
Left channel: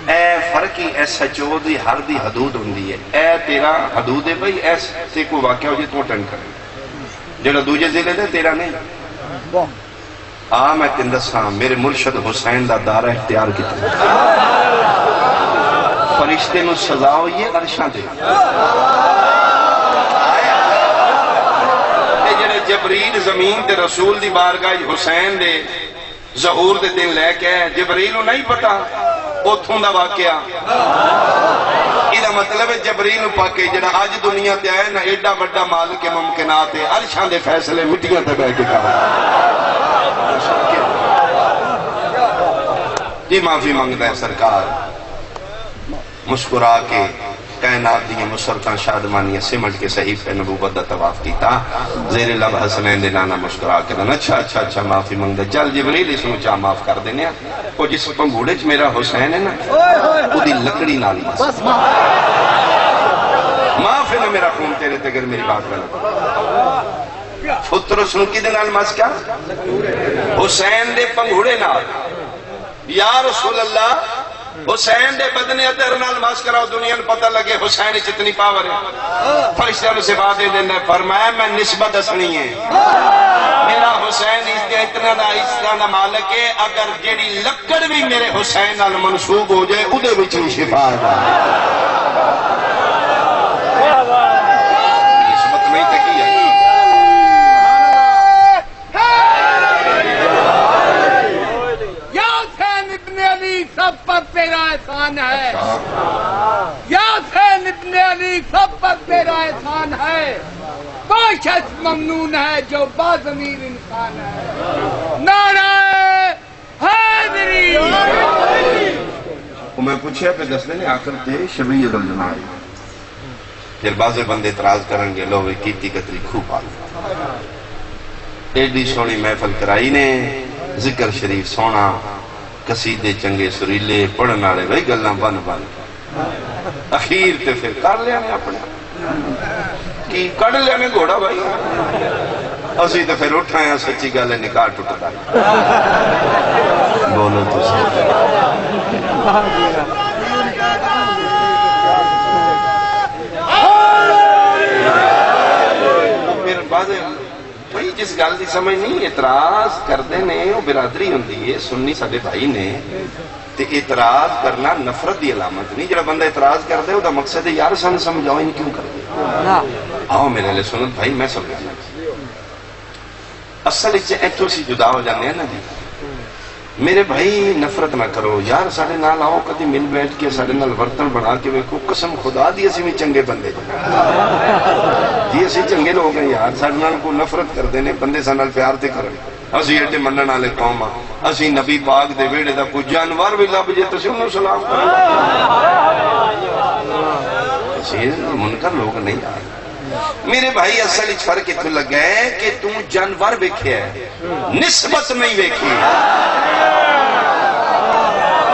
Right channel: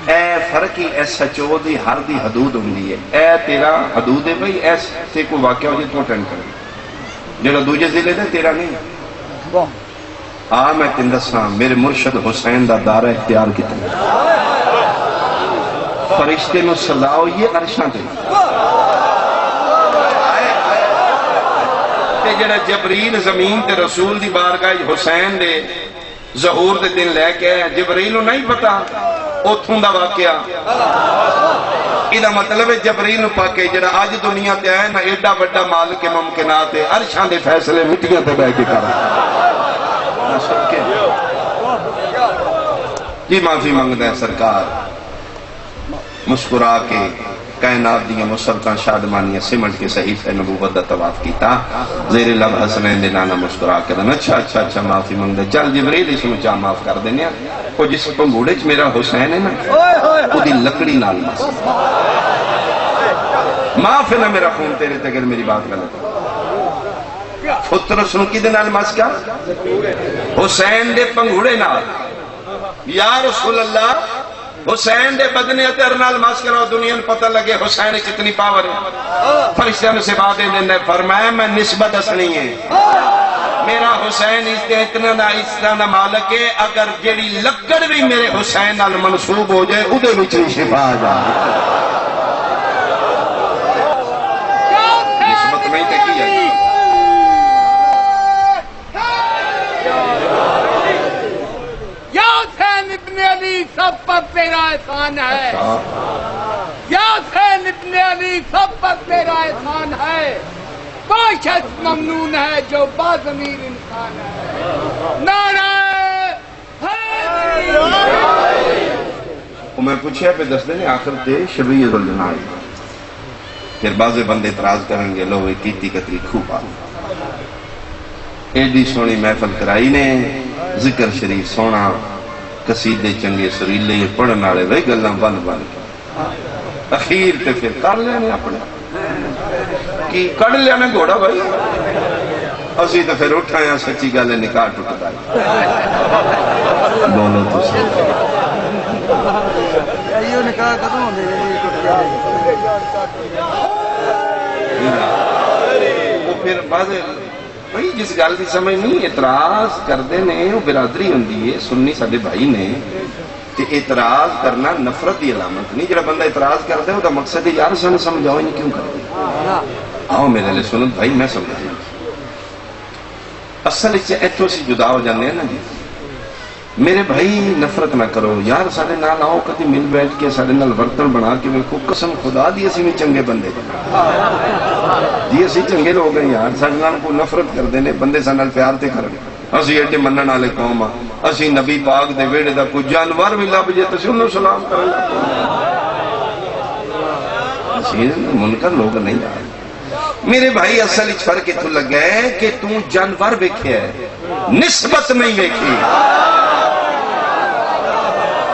اے فرقی ایس ایچ او دی ہر دی حدود ہوندی ہے اے تیرا حدود ہے بھئی ایس تے کو واقعہ ہو جائے تو اٹینڈ کریں جو دوجہ ضلع دے تیرا نہیں میں تندساں میرے مرشد حسین دا دارہ اختیار کیتا فرشتے نو سزاؤ یہ عرشاں دے جڑا جبریل زمین تے رسول دی بارگاہ حسین دے ظہور دے دن لے کے جبریل نو نہیں پتا اتھوں دا واقعہ یہ مطلب ہے جبریل نو پاکے جڑا اج دنیا تے آیا نا ایڈا بڑا مالک ممکنات ہے عرشاں دے فیصلے مٹیاں تے بیٹھ کے کرا جی معافی منگتا ہے سرکار مسکرا کے کائنات دیا مسلطان شادمانیاں سمٹ کے صحیفہ نبوت دا طواف کیتا زیر لب حسنین دے نانا مسکرا کے دن اچھا معافی منگتا چل جبریل اس میں چاہ معاف کر دینے وہ جس پنگوڑے چ میرا حسین ہے نا وہ دی لکڑی نال معاف ہے نا میرا خون تیرے تے اگر میری بات غلط فطر سن کی دے نال مس کیا حسین دے پنگوڑے نال یا رسول اللہ حسین دے بدنے اتر نال ماس کراؤ دنیا نے پتہ لگے حسین کتنی پاور ہے فرشتہ میں سے باتیں دیندے فرمایا میں نسبت اسنی ہے میرا حسین اس کے اتنا نہ مالک ہے اگر جیڑی لکڑ بھی میرے حسین نال منسوب ہو جائے ادھے وچ شفا آ جائے نسبت نہیں تے کی ہے سب پر تیرا احسان ہے یا حسین ابن علی سب پر تیرا احسان ہے وہ شخص ممنون ہے جو باضمیر انسان ہے نعرہ حیدری میں پوچھا پہ دس دن آخر تے شبیہ ذوالجلال پھر بعض بندے اعتراض کریں گے لو کیتی کتری خوب آئی ایڈی سونی محفل کرائی نے ذکر شریف سونا قصیدے چنگے سریلے پڑھن والے وہی گلاں بن اخیر تے پھر کر لینے اپنے کی کڑ لینے گھوڑا بھائی اسی تے پھر اٹھ رہے ہیں سچی گل ہے نکاح ٹوٹتا ہے بولو تو پھر بعض بھائی جس گل کی سمجھ نہیں اعتراض کرتے ہیں وہ برادری ہوندی ہے سنی سارے بھائی نے تے اعتراض کرنا نفرت کی علامت نہیں جڑا بندہ اعتراض کرتا ہے وہ مقصد ہے یار سانو سمجھاؤ یہ کیوں کرتے ہاں میرے لیے سنت بھائی میں سمجھا اصل ایتھوں اسی جدا ہو جانے ہیں نا جی میرے بھائی نفرت نہ کرو یار سارے نال آؤ کدی مل بیٹھ کے سارے نال برتن بنا کے ویکھو قسم خدا دی اسی بھی چنگے بندے جی اسی چنگے لوگ ہیں یار سارے نال کوئی نفرت کردے نے بندے سارے نال پیار تے کرن اسی ایڈے منن والے قوم ہاں اسی نبی پاک دے ویڑے دا کوئی جانور بھی لب جے تسی انہوں سلام کرو اسی منکر لوگ نہیں آئے میرے بھائی اصل اچ فرق اتھوں لگا ہے کہ تو جانور ویکھیا ہے نسبت نہیں ویکھی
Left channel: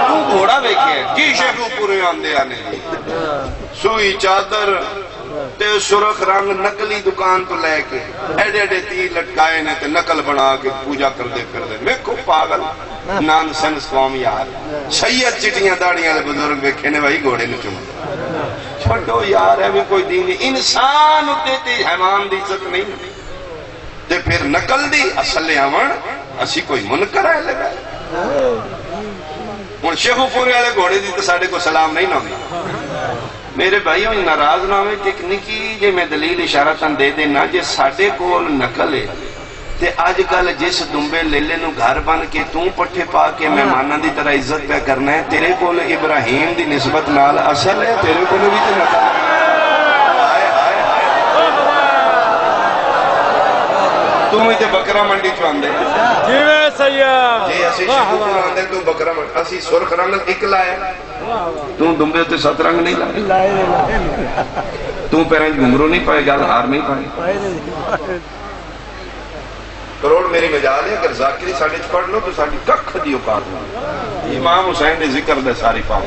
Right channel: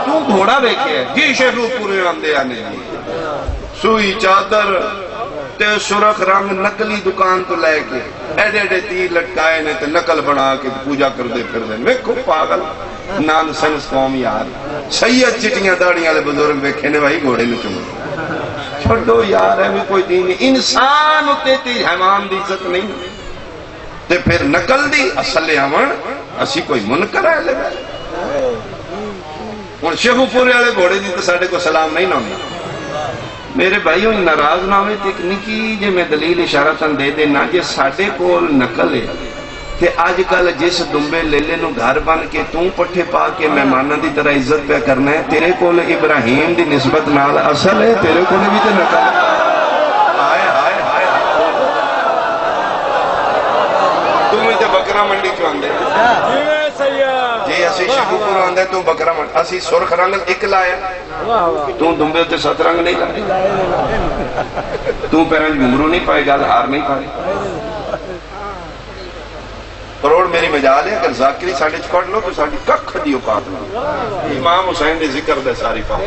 تو گھوڑا ویکھیا ہے جی شیخو پورے آندے آنے سوئی چادر تے سرخ رنگ نقلی دکان تو لے کے ایڈے ایڈے تیر لٹکائے نے تے نقل بنا کے پوجا کر دے پھر دے میں کو پاگل نان سنس قوم یار سید چٹیاں داڑیاں دے بزرگ ویکھے نے بھائی گھوڑے میں چوں چھوڑو یار ہے بھی کوئی دین نہیں انسان ہوتے تھے حیوان دی عزت نہیں تے پھر نقل دی اصل ہمیں اسی کوئی منکر ہے لگا اور شیخو پورے والے گھوڑے دی تو ساڑھے کو سلام نہیں نہ میرے بھائیوں ناراض نہ ہوئے ایک نکی جے میں دلیل اشارہ چند دے دینا جے ساڑھے کو نقل ہے تے آج کل جس دنبے لیلے نو گھر بن کے توں پٹھے پا کے مہمانہ دی طرح عزت پہ کرنا ہے تیرے کو ابراہیم دی نسبت نال اصل ہے تیرے کو بھی تے نقل تم ہی تے بکرا منڈی چو آندے جی اسی شیخو پور آندے تم بکرا منڈی اسی سرخ رنگ ایک لائے تم دنبے ہوتے 7 رنگ نہیں لائے تم پیرنج گھمرو نہیں پائے گا ہار نہیں پائے کروڑ میری مجال ہے اگر ذاکری ساڑھے پڑھ لو تو ساڑھی ککھ دی اوقات میں امام حسین دے ذکر دے ساری پاؤ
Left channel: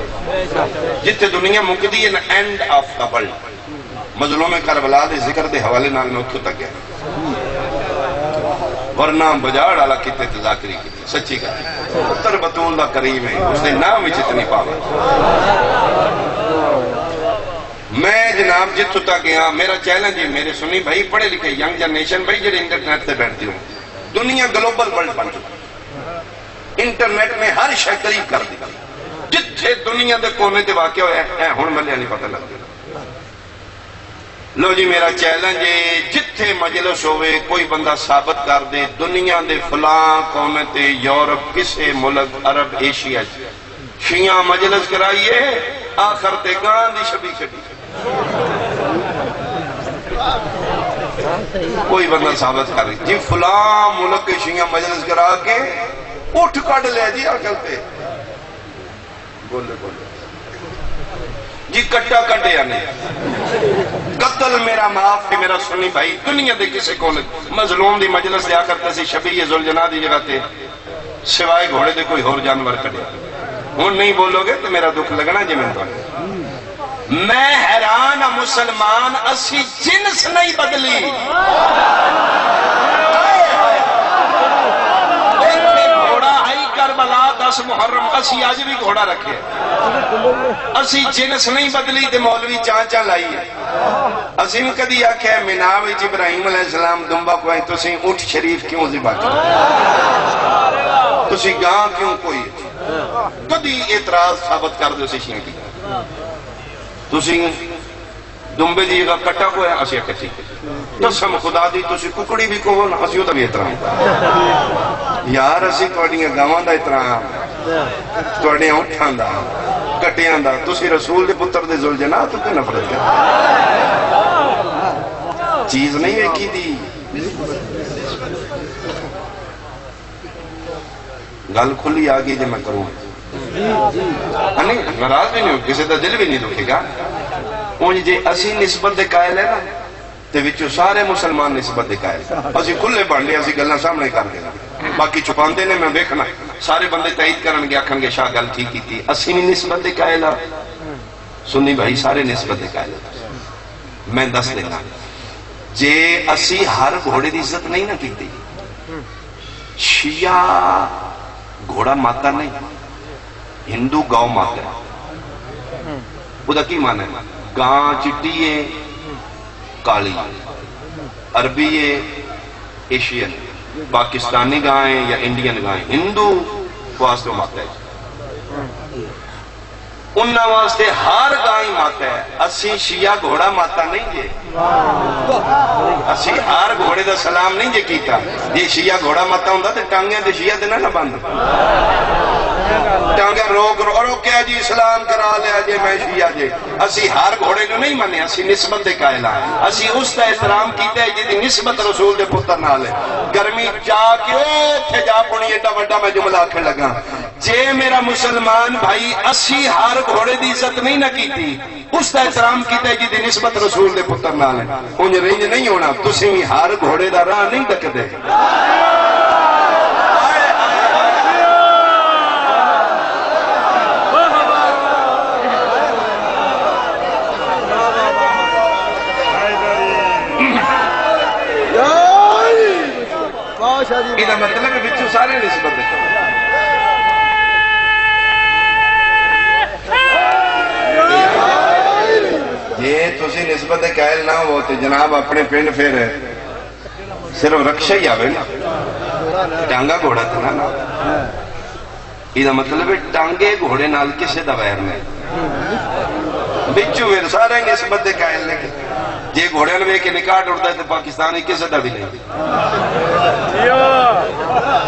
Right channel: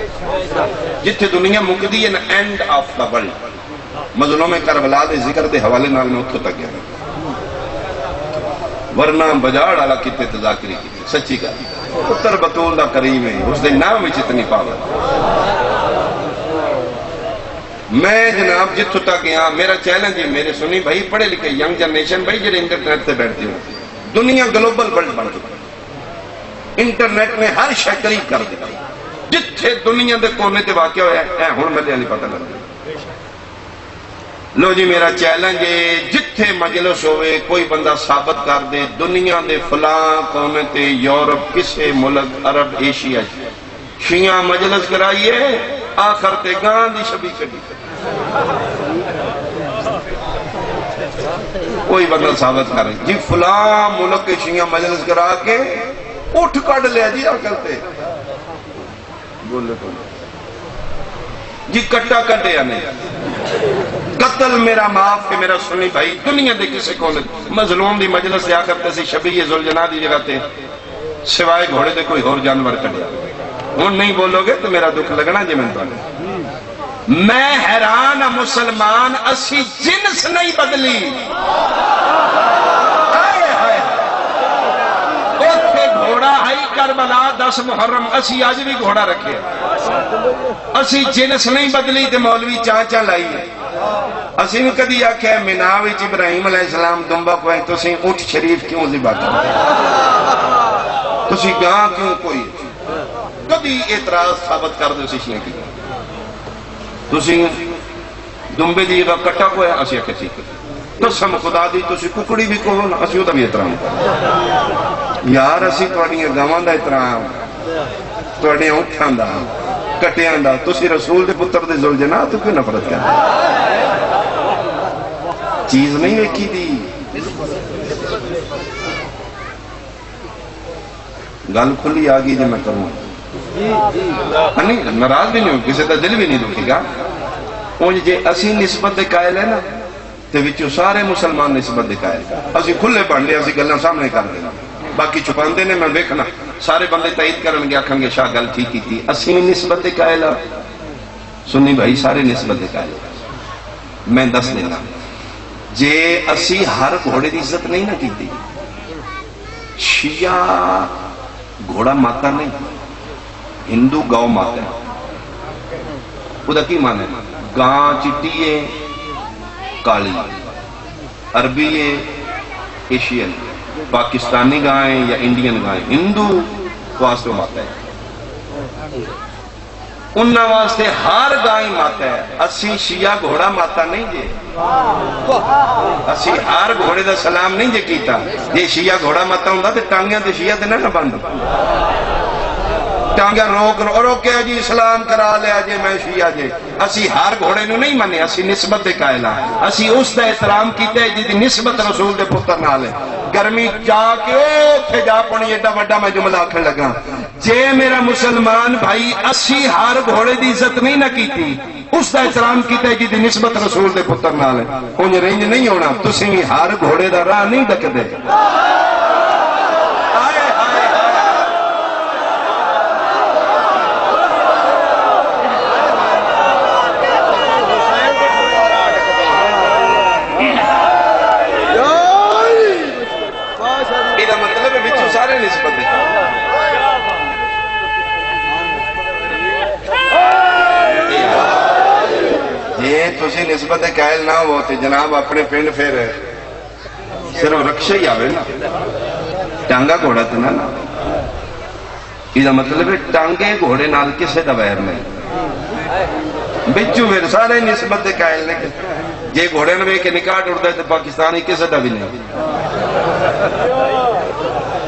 جتھے دنیا مکدی ہے نا اینڈ آف دا ورلڈ مظلوم کربلا دے ذکر دے حوالے نال میں اتھو تک گیا ورنہ بجاڑ والا کتے تذاکری کی سچی کا پتر بطول دا کریم ہے اس دے نام وچ اتنی پاور میں جناب جتھو تک یہاں میرا چیلنج ہے میرے سنی بھائی پڑھے لکھے ینگ جنریشن بھائی جڑے انٹرنیٹ تے بیٹھتی ہو دنیا گلوبل ورلڈ بن چکی انٹرنیٹ نے ہر شے قریب کر دی جتھے دنیا دے کونے تے واقع ہویا ہے ہن ملے نہیں پتہ لگ لو جی میرا چیلنج ہے جتھے مجلس ہوئے کوئی بندہ ثابت کر دے دنیا دے فلاں کونے تے یورپ کسے ملک عرب ایشیا شیعہ مجلس کرائیے آخر تے گاں دی شبی کٹی کوئی بندہ ثابت کر رہی جی فلاں ملک کے شیعہ مجلس کرا کے اٹھ کٹ لے جی آخر تے بولے بولے جی کٹا کٹے یا نہیں قتل میرا معاف کہ میرا سنی بھائی دنیا دے کسی کو مظلوم دی مجلس دیا کرتے سی شبیہ ذوالجناح دی جگہ تے سوائے گھوڑے دے کوئی اور جانور کٹیا ہوں نہیں بولو گے تو میرا دکھ لگنا جی میں حیران ہوں مسلمان اسی جنس نہیں بدلی گھوڑا ہائی کربلا 10 محرم اسی آج بھی گھوڑا رکھے اسی جنس نہیں بدلی تے مولوی چاچا لائی ہے اسی بھی کدی آکھے مینا وچ ابراہیم علیہ السلام دمبا کوئی تسی اونٹ شریف کیوں ذبح کیا تسی گاں کیوں کوئی کدی اعتراض ثابت کر دو سشنے کی تسی دمبے دی جگہ کٹا کوئی ہے اسی اکچی قسم خدا دی تسی ککڑی بھی کہو نا اسی ہوتا بھی احترام یار اسی توڑی گاوان دا احترام توڑی اٹھان دا کٹیاں دا تسی رسول دے پتر دے ذوالجناح تو کیوں نفرت کیا چیز نہیں ایکی دی گل کھلی آگئی جی میں کروں ناراض بھی نہیں ہوں کسی کا دل بھی نہیں دکھے گا اونج جے اسی نسبت دے قائل ہے نا تے وچوں سارے مسلمان نسبت دے قائل اسی کھلے پڑھ لے اسی گلاں سامنے کر دینا باقی چھپاندے نے میں دیکھنا سارے بندے تائید کرن گے آکھن گے شاہ گل ٹھیک کیتی اسی نسبت دے قائل سنی بھائی سارے نسبت دے قائل میں دس دینا جے اسی ہر گھوڑے دی عزت نہیں نہ کیتی شیعہ گھوڑا ماتا نہیں ہندو گاؤں ماتا ہے وہ کی مانا ہے گاں چٹی ہے کالی عربی ہے ایشین پاکستانی گائیں یا انڈین گائیں ہندو واسطے ماتا ہے انہاں واسطے ہر گائیں ماتا ہے اسی شیعہ گھوڑا ماتا نہیں جے اسی ہر گھوڑے دا سلام نہیں جے کیتا جے شیعہ گھوڑا ماتا ہوں دا تے ٹانگیاں دے شیعہ دے نہ بند ٹانگیاں روکیا جی اسلام کرا لیا جے میں شیعہ جے اسی ہر گھوڑے نو نہیں منے اسی نسبت دے قائل ہیں اسی اس دا احترام کیتا ہے جی دی نسبت رسول دے پتر نال ہے گرمی جا کے اوتھے جا پونی ایڈا وڈا میں جملہ آکھن لگا جے میرا مسلمان بھائی اسی ہر گھوڑے دی عزت نہیں نہ کیتی اس دا احترام کیتا ہے جی دی نسبت رسول دے پتر نال ہے انج رینج نہیں ہونا تسی ہر گھوڑے دا راہ نہیں دکدے یہ مطلب ہے سارے نسبت جی تسی نسبت قائل نہ ہو تو جناب اپنے پنڈ پھر صرف رکشا ہی آوے نا ٹانگا گھوڑا تو نہ یہ مطلب ہے ٹانگے گھوڑے نال کسے دا ویر نہیں بچو پھر سارے نسبت قائل نے جے گھوڑے نے کے نکاح اڑتا ہے تو پاکستانی کسے دا بھی نہیں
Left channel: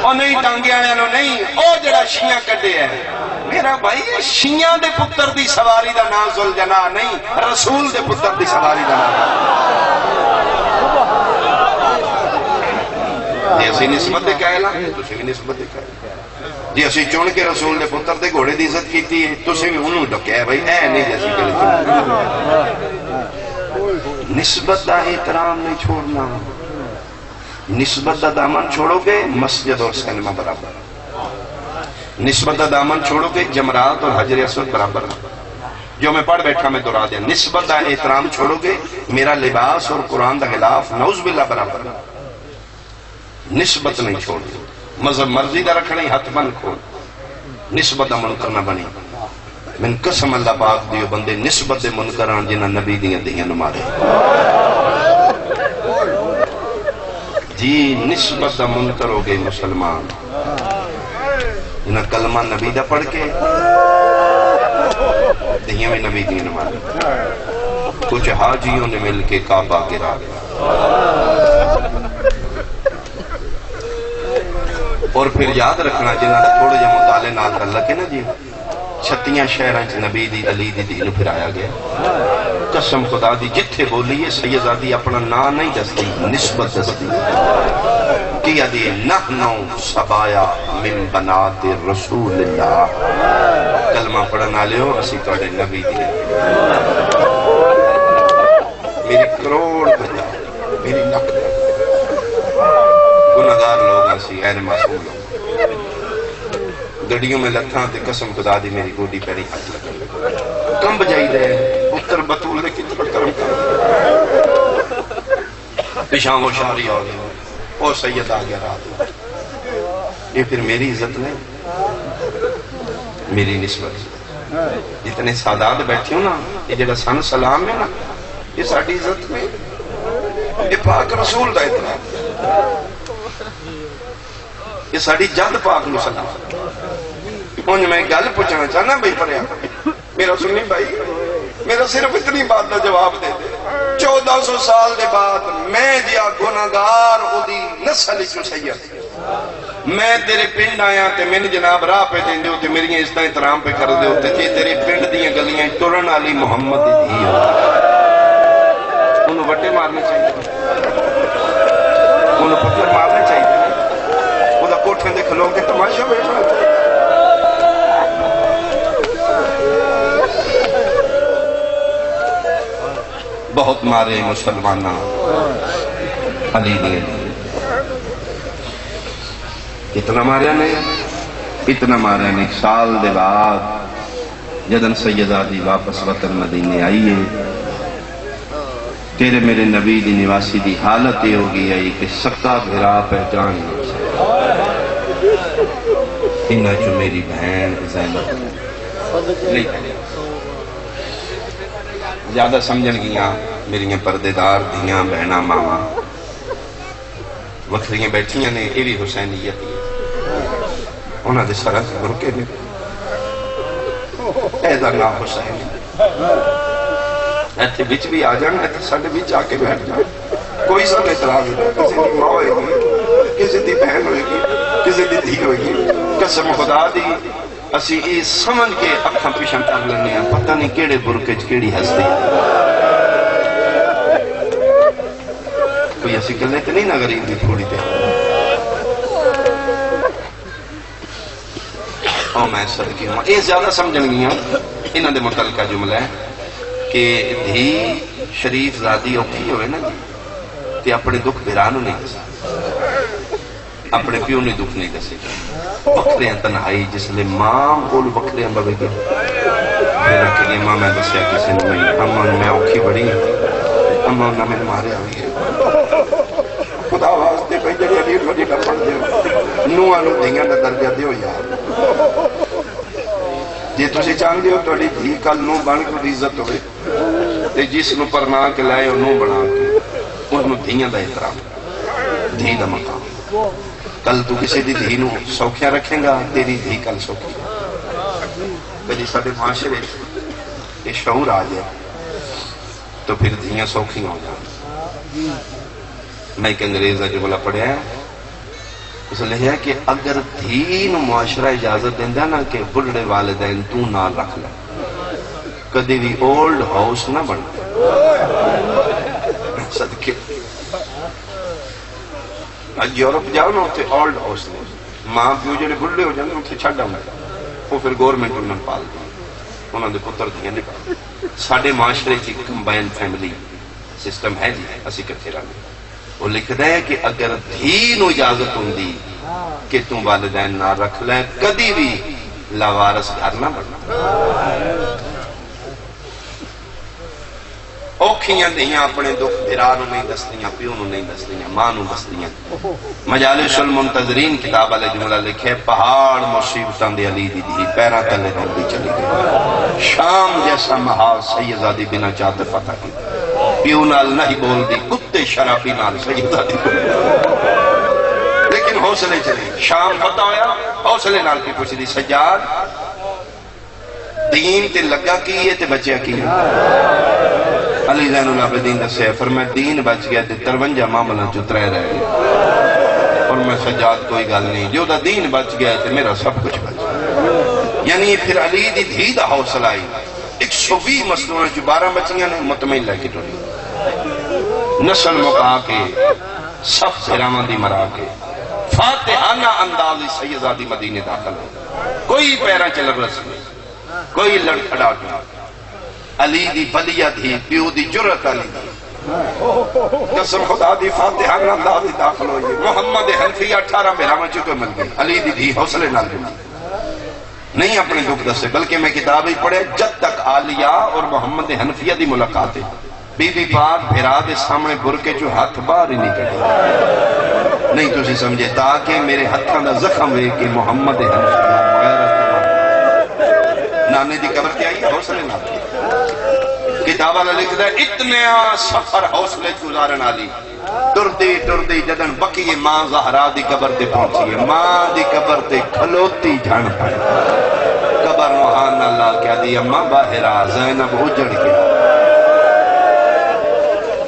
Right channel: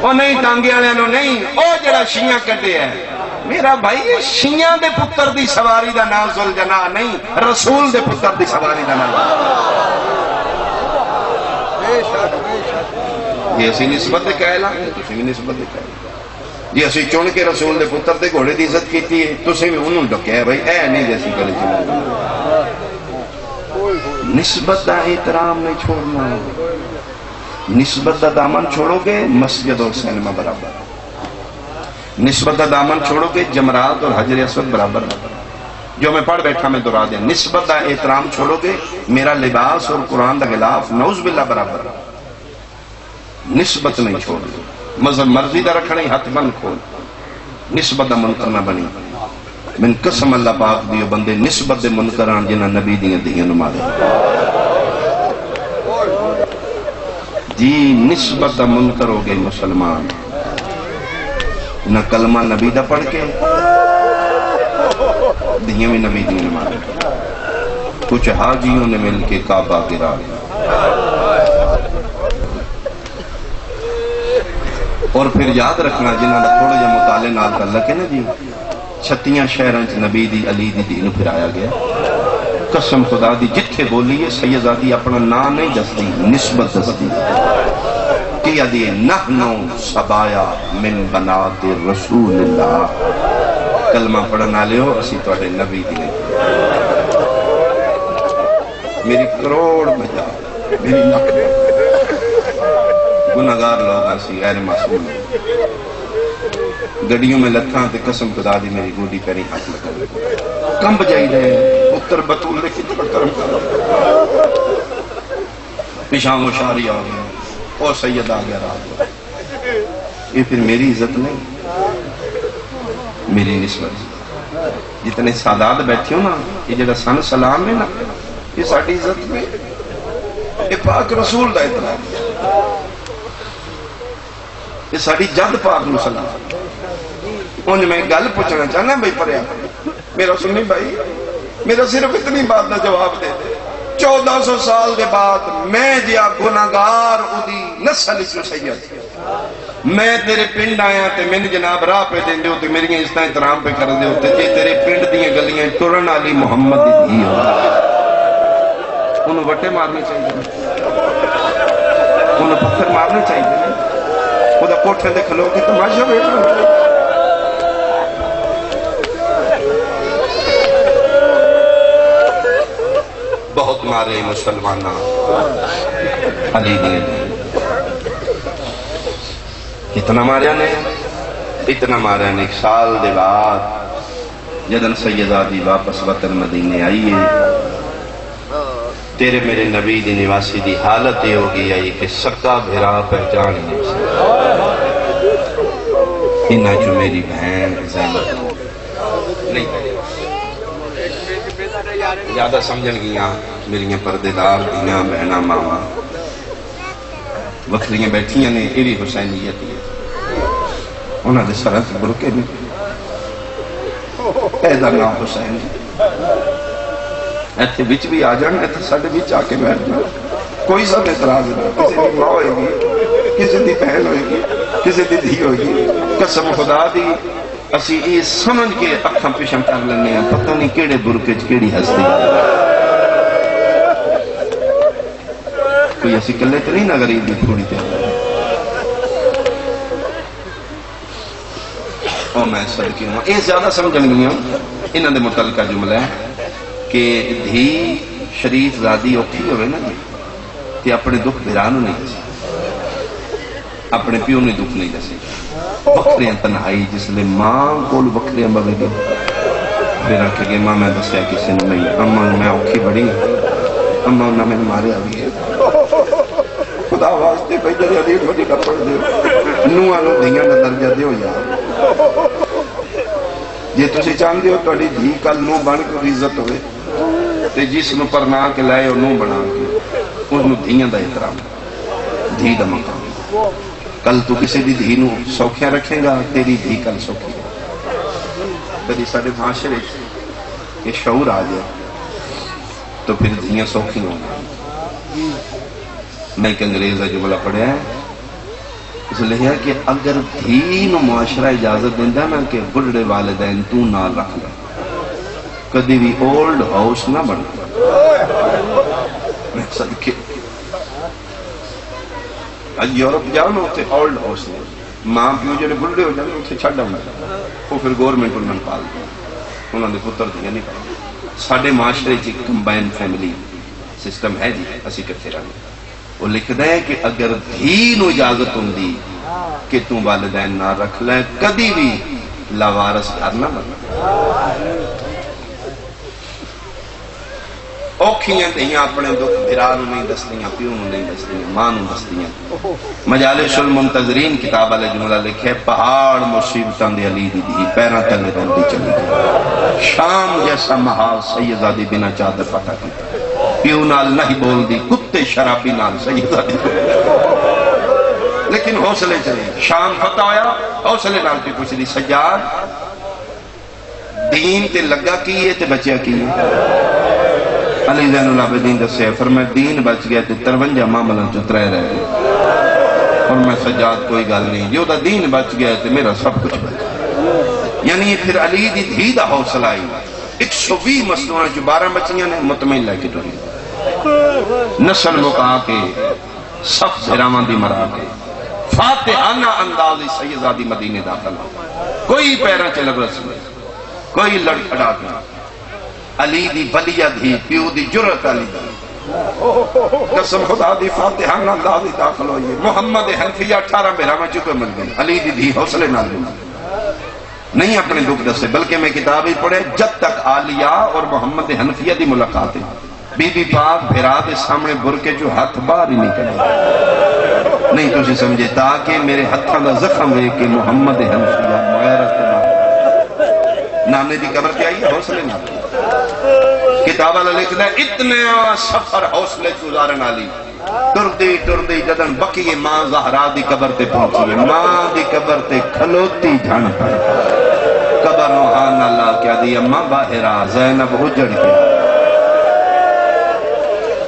وہ نہیں ٹانگے آیا نو نہیں او جڑا شیعہ کٹے ہے میرا بھائی شیعہ دے پتر دی سواری دا نام ذوالجناح نہیں رسول دے پتر دی سواری دا نام یہ اسی نسبت دے قائل ہیں تسی بھی نسبت دے قائل جی اسی چن کے رسول دے پتر دے گھوڑے دی عزت کیتی ہے تسی بھی انہوں ڈکیا ہے بھائی اے نہیں جیسی گل نسبت دا احترام نہیں چھوڑنا نسبت دا دامن چھوڑو گے مسجد اور سینما برابر نسبت دا دامن چھوڑو گے جمرات اور حجر اسود برابر جو میں پڑھ بیٹھا میں دہرا دیا نسبت دا احترام چھوڑو گے میرا لباس اور قرآن دا غلاف نعوذ باللہ برابر نسبت نہیں چھوڑ مذہب مرضی دا رکھنا ہی ہاتھ بند کھول نسبت دا منکر نہ بنی من قسم اللہ پاک دیو بندے نسبت دے منکران جنہ نبی دیاں نمارے جی نسبت دا منکر ہو گئے مسلمان نہ کلمہ نبی دا پڑھ کے دیاں میں نبی دیاں نمارے کچھ حاجیوں نے مل کے کعبہ گرا اور پھر یاد رکھنا جنہاں دا تھوڑے جا مطالعے نال تعلق ہے نا جی 36 شہراں چ نبی دی علی دی دین پھرایا گیا. قسم خدا دی جتھے بولی ہے سیدزادی اپنا نام نہیں دستی، نسبت دستی. کیا دی نحنو سبایا من بنات رسول اللہ. کلمہ پڑھنا لیو اسی توڑے نبی دی. میری کروڑ بجا میری نقل گناہگار لوگ اسی غیر معصوم لوگ. گڑیوں میں لتھاں تے قسم خدا دی میری گوڈی پیری ہاتھ لگا کم بجائی دے پتر بطول نے کتنا کرم کر پیشاں وہ شاری آ گئی اور سید آ گیا رات. یہ پھر میری عزت نہیں، میری نسبت. جتنے سادات بیٹھے ہو نا، یہ جڑا سن سلام ہے نا، یہ ساڑھی عزت نہیں، یہ پاک رسول دا اطلاع، یہ ساڑھی جد پاک نو سلام. انہیں میں گل پوچھنا چاہنا بھائی پڑھیا میرا سنی بھائی، میرا صرف اتنی بات دا جواب دے. 1400 سال دے بعد میں جیا گناہگار اودی نسل اس سید، میں تیرے پنڈ آیا تے میں جناب راہ پہ دیں دے ہوتے میری اس طرح احترام پہ کر دے ہوتے جی تیرے پنڈ دیئے گلیاں ٹرن علی محمد دی ہوتا انہوں وٹے مارنے چاہیے، انہوں پتھر مارنے چاہیے. وہ دا کوٹھے دے کھلو کی تماشا بیٹھا بہت مارے مسلمانہ علی نے. اتنا ماریا نے، اتنا ماریا نے. 1 سال دے بعد جدن سیدزادی واپس وطن مدینے آئیے، تیرے میرے نبی دی نواسی دی حالت یہ ہو گئی ہے کہ سکا بھرا پہچان انہا جو میری بہن زینب نہیں زیادہ سمجھن گیاں میری پردے دار دیاں بہناں ماما وکھریاں بیٹھیاں نے. یہ بھی حسینیت ہے، انہاں دے سرک برکے میں ایدہ نام حسین ایتھے بچ بھی آ جانا، ایتھے ساڑھے بچ آ کے بیٹھ جانا. کوئی سب اعتراض نہیں، کسی دی ماں ہوئے گی، کسی دی بہن ہوئے گی، کسی دی دھی ہوئے گی. قسم خدا دی اسی یہ سمجھ کے اکھاں پیشم کر لینے ہیں پتہ نہیں کیڑے برکے کیڑی ہستی. کوئی ایسی کلنے تے نہیں نہ غریب دی تھوڑی تے اور میں صدقی ہوں. یہ زیادہ سمجھن گیا انہاں دے متعلقہ جملہ ہے کہ دھی شریف زادی اوکھی ہوئے نا کہ اپنے دکھ بھرانو نہیں دسی، اپنے پیو نے دکھ نہیں دسی. وکھرے تنہائی جس لئے ماں کول وکھرے مرے گئے پھر رکھے گئے ماں میں دسیا کسی نے نہیں. اماں میں اوکھی بڑی اماں نہ میں مارے آگئی ہے خدا واسطے پہ جنہیں ریٹ مجھے کر پڑ دے نوہ نو دھیاں نہ درجہ دے ہو یار. جی تسی چاہتے ہو توڑی دھی کل نو بن کے عزت ہوئے تے جس نو پرما کے لائے نو بنا کے اس نو دھیاں دا احترام دھی دا مقام. کل تو کسی دی دھی نو سوکھیا رکھیں گا تیری دھی کل سوکھی. بجی ساڑھے معاشرے یہ شعور آ جائے تو پھر دھیاں سوکھی ہوں گا. میں ایک انگریز ہے جملہ پڑھیا ہے اس لئے ہے کہ اگر دھی نو معاشرہ اجازت دیندہ نا کہ بڑھڑے والدین تو نال رکھ لے کدی بھی اولڈ ہاؤس نہ بڑھ صدقے یورپ جاؤ نا ہوتے اولڈ ہاؤس ماں پیو جڑے بڑھڑے ہو جانے اسے چھڑ ڈاؤں وہ پھر گورنمنٹ انہوں پال دیں انہوں نے پتر دیا نہیں پال. ساڑھے معاشرے کی کمبائن فیملی سسٹم ہے جی اسی کرتے رہنے. وہ لکھتا ہے کہ اگر دھی نو اجازت ہوں دی کہ تم والدین نہ رکھ لیں کدی بھی لاوارس گھر نہ بنا. اوکھیاں دیاں اپنے دکھ بھرا نو نہیں دستیاں پیو نو نہیں دستیاں ماں نو دستیاں. مجالس المنتظرین کتاب والے جملہ لکھے پہاڑ مصیبتاں دے علی دی دھی پیراں تلے روندی چلی گئی. شام جیسا محال سیدزادی بنا چادر فتح کی پیو نال نہیں بول دی کتے شرابی نال سیدزادی لیکن حوصلے چلی. شام فتح ہویا حوصلے نال کی پوچھ دی سجاد دین تے لگا کی ہے تے بچیا کی ہے. علی زین العابدین دسے فرمایا دین بچ گیا تے 53 معاملہ چترے رہ گئے. اور میں سجاد کوئی گل نہیں جو دا دین بچ گیا تے میرا سب کچھ بچ گیا. یعنی پھر علی دی دھی دا حوصلہ آئی 120 مسلمان جو 12 بچیاں نے مطمئن لے کے ٹولی نسل مکا کے سب سرامان دی مرا کے فاتحانہ اندازی سیدہ دی مدینے داخل ہو کوئی پیرا چلر رسول کوئی لڑ کھڑا گیا علی دی بلیہ دی پیو دی جرت علی دی قسم خدا دی فاتحانہ اندازی داخل ہوئی محمد حنفیہ 18 بہرامہ چکے مل گئے علی دی دھی حوصلے نال بھی نہیں اپنے دکھ دسے بلکہ میں کتاب ہی پڑھے جب تک عالیہ اور محمد حنفیہ دی ملاقات ہے بی بی پاک بھیرا دے سامنے برکے جو ہاتھ باہر ہی نہیں کرے نہیں تو اسے سمجھے تاکہ میرے ہاتھاں دا زخم ہے کہ محمد حنفیہ نانے دی قبر کیا ہے حوصلے نہ کتاب والا لکھتا ہے اتنے سفر حوصلے گزارن والی ٹردی جدن بکی ماں زہرا دی قبر تے پہنچی ماں دی قبر تے کھلوتی جھن پڑی قبر روحان اللہ کیا دی اماں باہرہ زینب اجڑ کے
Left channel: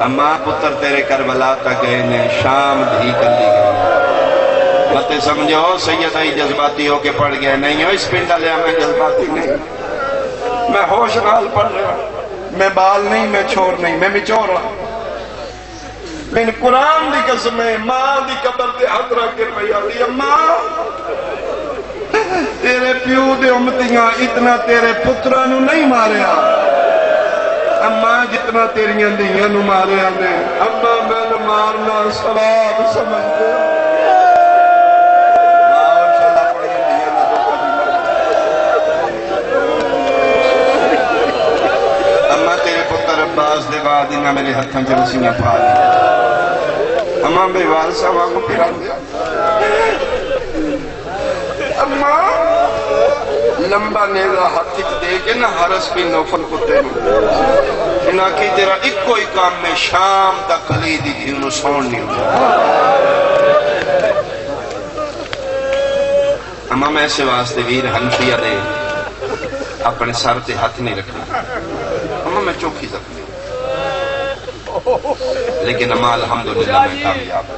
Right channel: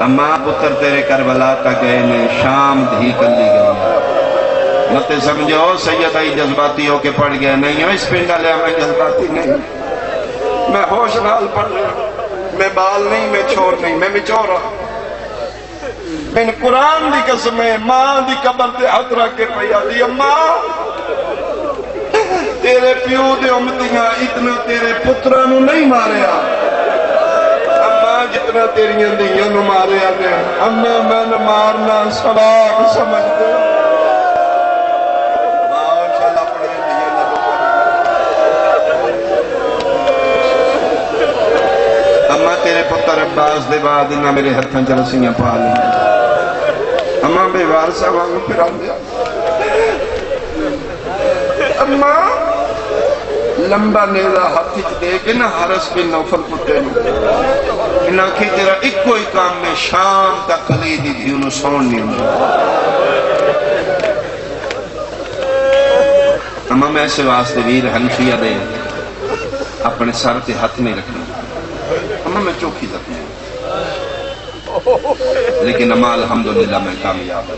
اماں پتر تیرے کربلا کا گئے نے شام دھی کر لی گئے مت سمجھو سید آئی جذباتی ہو کے پڑھ گئے نہیں ہو اس پنڈا لے میں جذباتی نہیں میں ہوش نال پڑھ رہا میں بال نہیں میں چھوڑ نہیں میں مچور رہا میں قرآن دی قسم ہے ماں دی قبر تے ہاتھ رکھ کے پیا دی ماں تیرے پیو دے امتیاں اتنا تیرے پترہ نو نہیں ماریا اماں جتنا تیریاں دیاں نو ماریا نے اماں میں نے مارنا ثواب سمجھتے عباس دے بعد انہاں میرے ہتھاں چرسیاں پا لیا اماں بے وارثہ واگو پھرا دیا اماں لمبا نیزہ ہاتھ دے کے نہ حرس کی نوفل کتے نہ کی تیرا ایک کوئی کام میں شام تک علی دی تھی انہوں سون نہیں ہوں اماں میں ایسے واسطے ویر حنفیہ دے اپنے سر تے ہاتھ نہیں رکھنا اماں میں چوکی زخمی لیکن اماں الحمدللہ میں کامیاب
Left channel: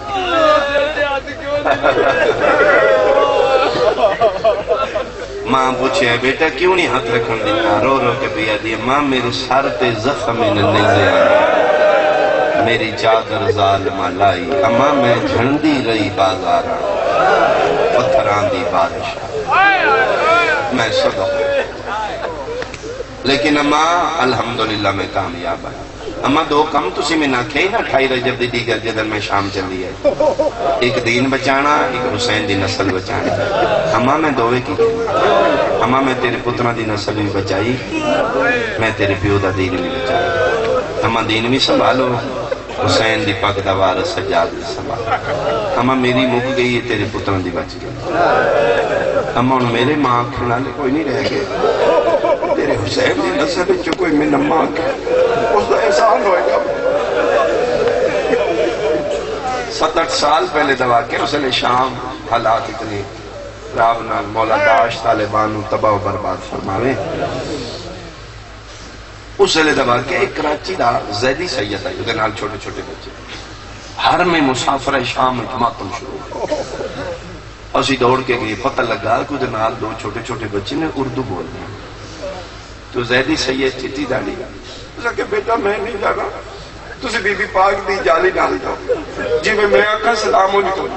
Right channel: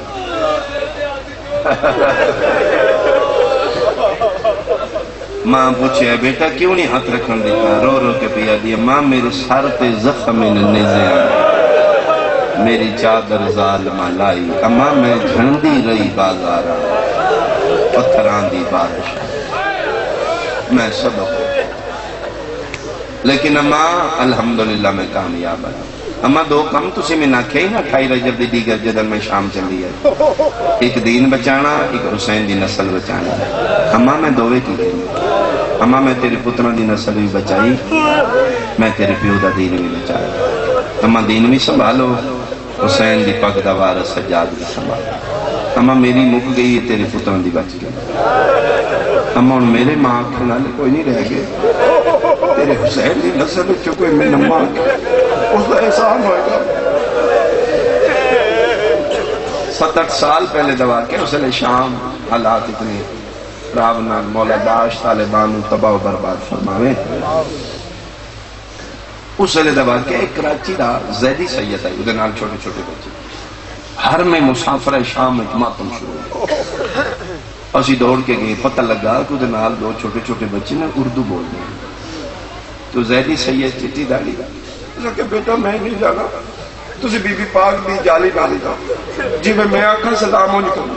ماں پوچھے بیٹا کیوں نہیں ہاتھ رکھن دیتا رو رو کے پیا دیا ماں میرے سر پہ زخم نیزے میری چادر ظالمہ لائی اماں میں جھنڈی رہی بازارہ پتھران دی بارش میں صدق لیکن اماں الحمدللہ میں کامیاب ہے اماں دو کم تسی میں نہ کھے نہ کھائی رجب دی دیگر جدن میں شام چلی ہے ایک دین بچانا ایک حسین دی نسل بچانا اماں میں دوے کی اماں میں تیرے پتران دی نسل بھی بچائی میں تیرے پیو دا دین بھی بچائی اماں دین بھی سنبھالو حسین دی پاک دا وارث سجاد دی سنبھالو اماں میری مک گئی ہے تیرے پتران دی بچ گئی اماں میرے ماں کھلانے کوئی نہیں رہ گئے تیرے حسین دی نسل جو کوئی میں نماں اس کا احسان ہوئے گا 7-8 سال پہلے دوا کے اس نے شام حالات اتنی راونال مولا داش طالبان تباہ و برباد فرماوے اس نے دوا کے ایک کراچی دا زیدی سید آئی ادھے نال چھوٹے چھوٹے بچے ہر میں مسافر شام ماتم شروع اسی دوڑ کے گئے پتہ لگا کہ ادھے نال دو چھوٹے چھوٹے بچے نے اردو بول رہے تو زیدی سید چٹی ڈالی کہ بیٹا میں نہیں جانا تسی بی بی پاک دی جالی ڈال دا جی میں آکھا سلام ہو نکل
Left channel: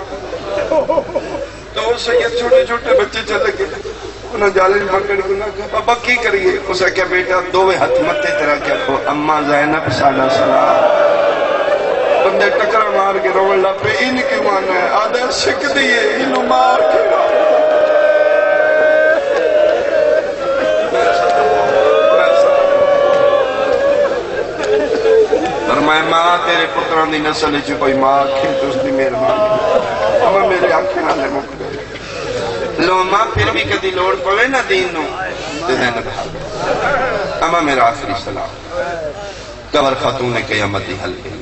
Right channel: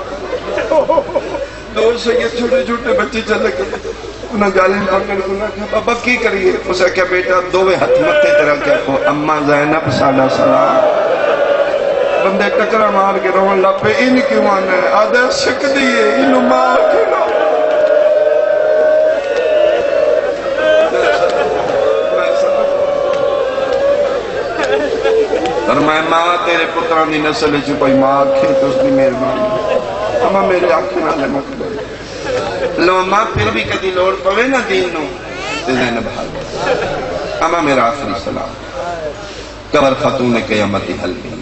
تو اسے یہ چھوٹے چھوٹے بچے چلے گئے انہوں جالی پکڑ انہوں کہا ابا کی کریے اسے کہا بیٹا دووے ہاتھ متے طرح کہا اماں زینب سالہ سلام بندے ٹکرہ مار کے روان لپے ان کی مانا ہے آدھے شک دیئے انہوں مار کے نا فرمائے ماں تیرے پتران دی نسل چی کوئی ماں کھیں تو اس دی میرے ماں اما میرے آنکھیں نہ لے مک گئے لو ماں پھر بھی کدی لوڑ پوے نا دین نو تو زینب حال اما میرا آخری سلام قبر خاتون قیامت دی حل گئی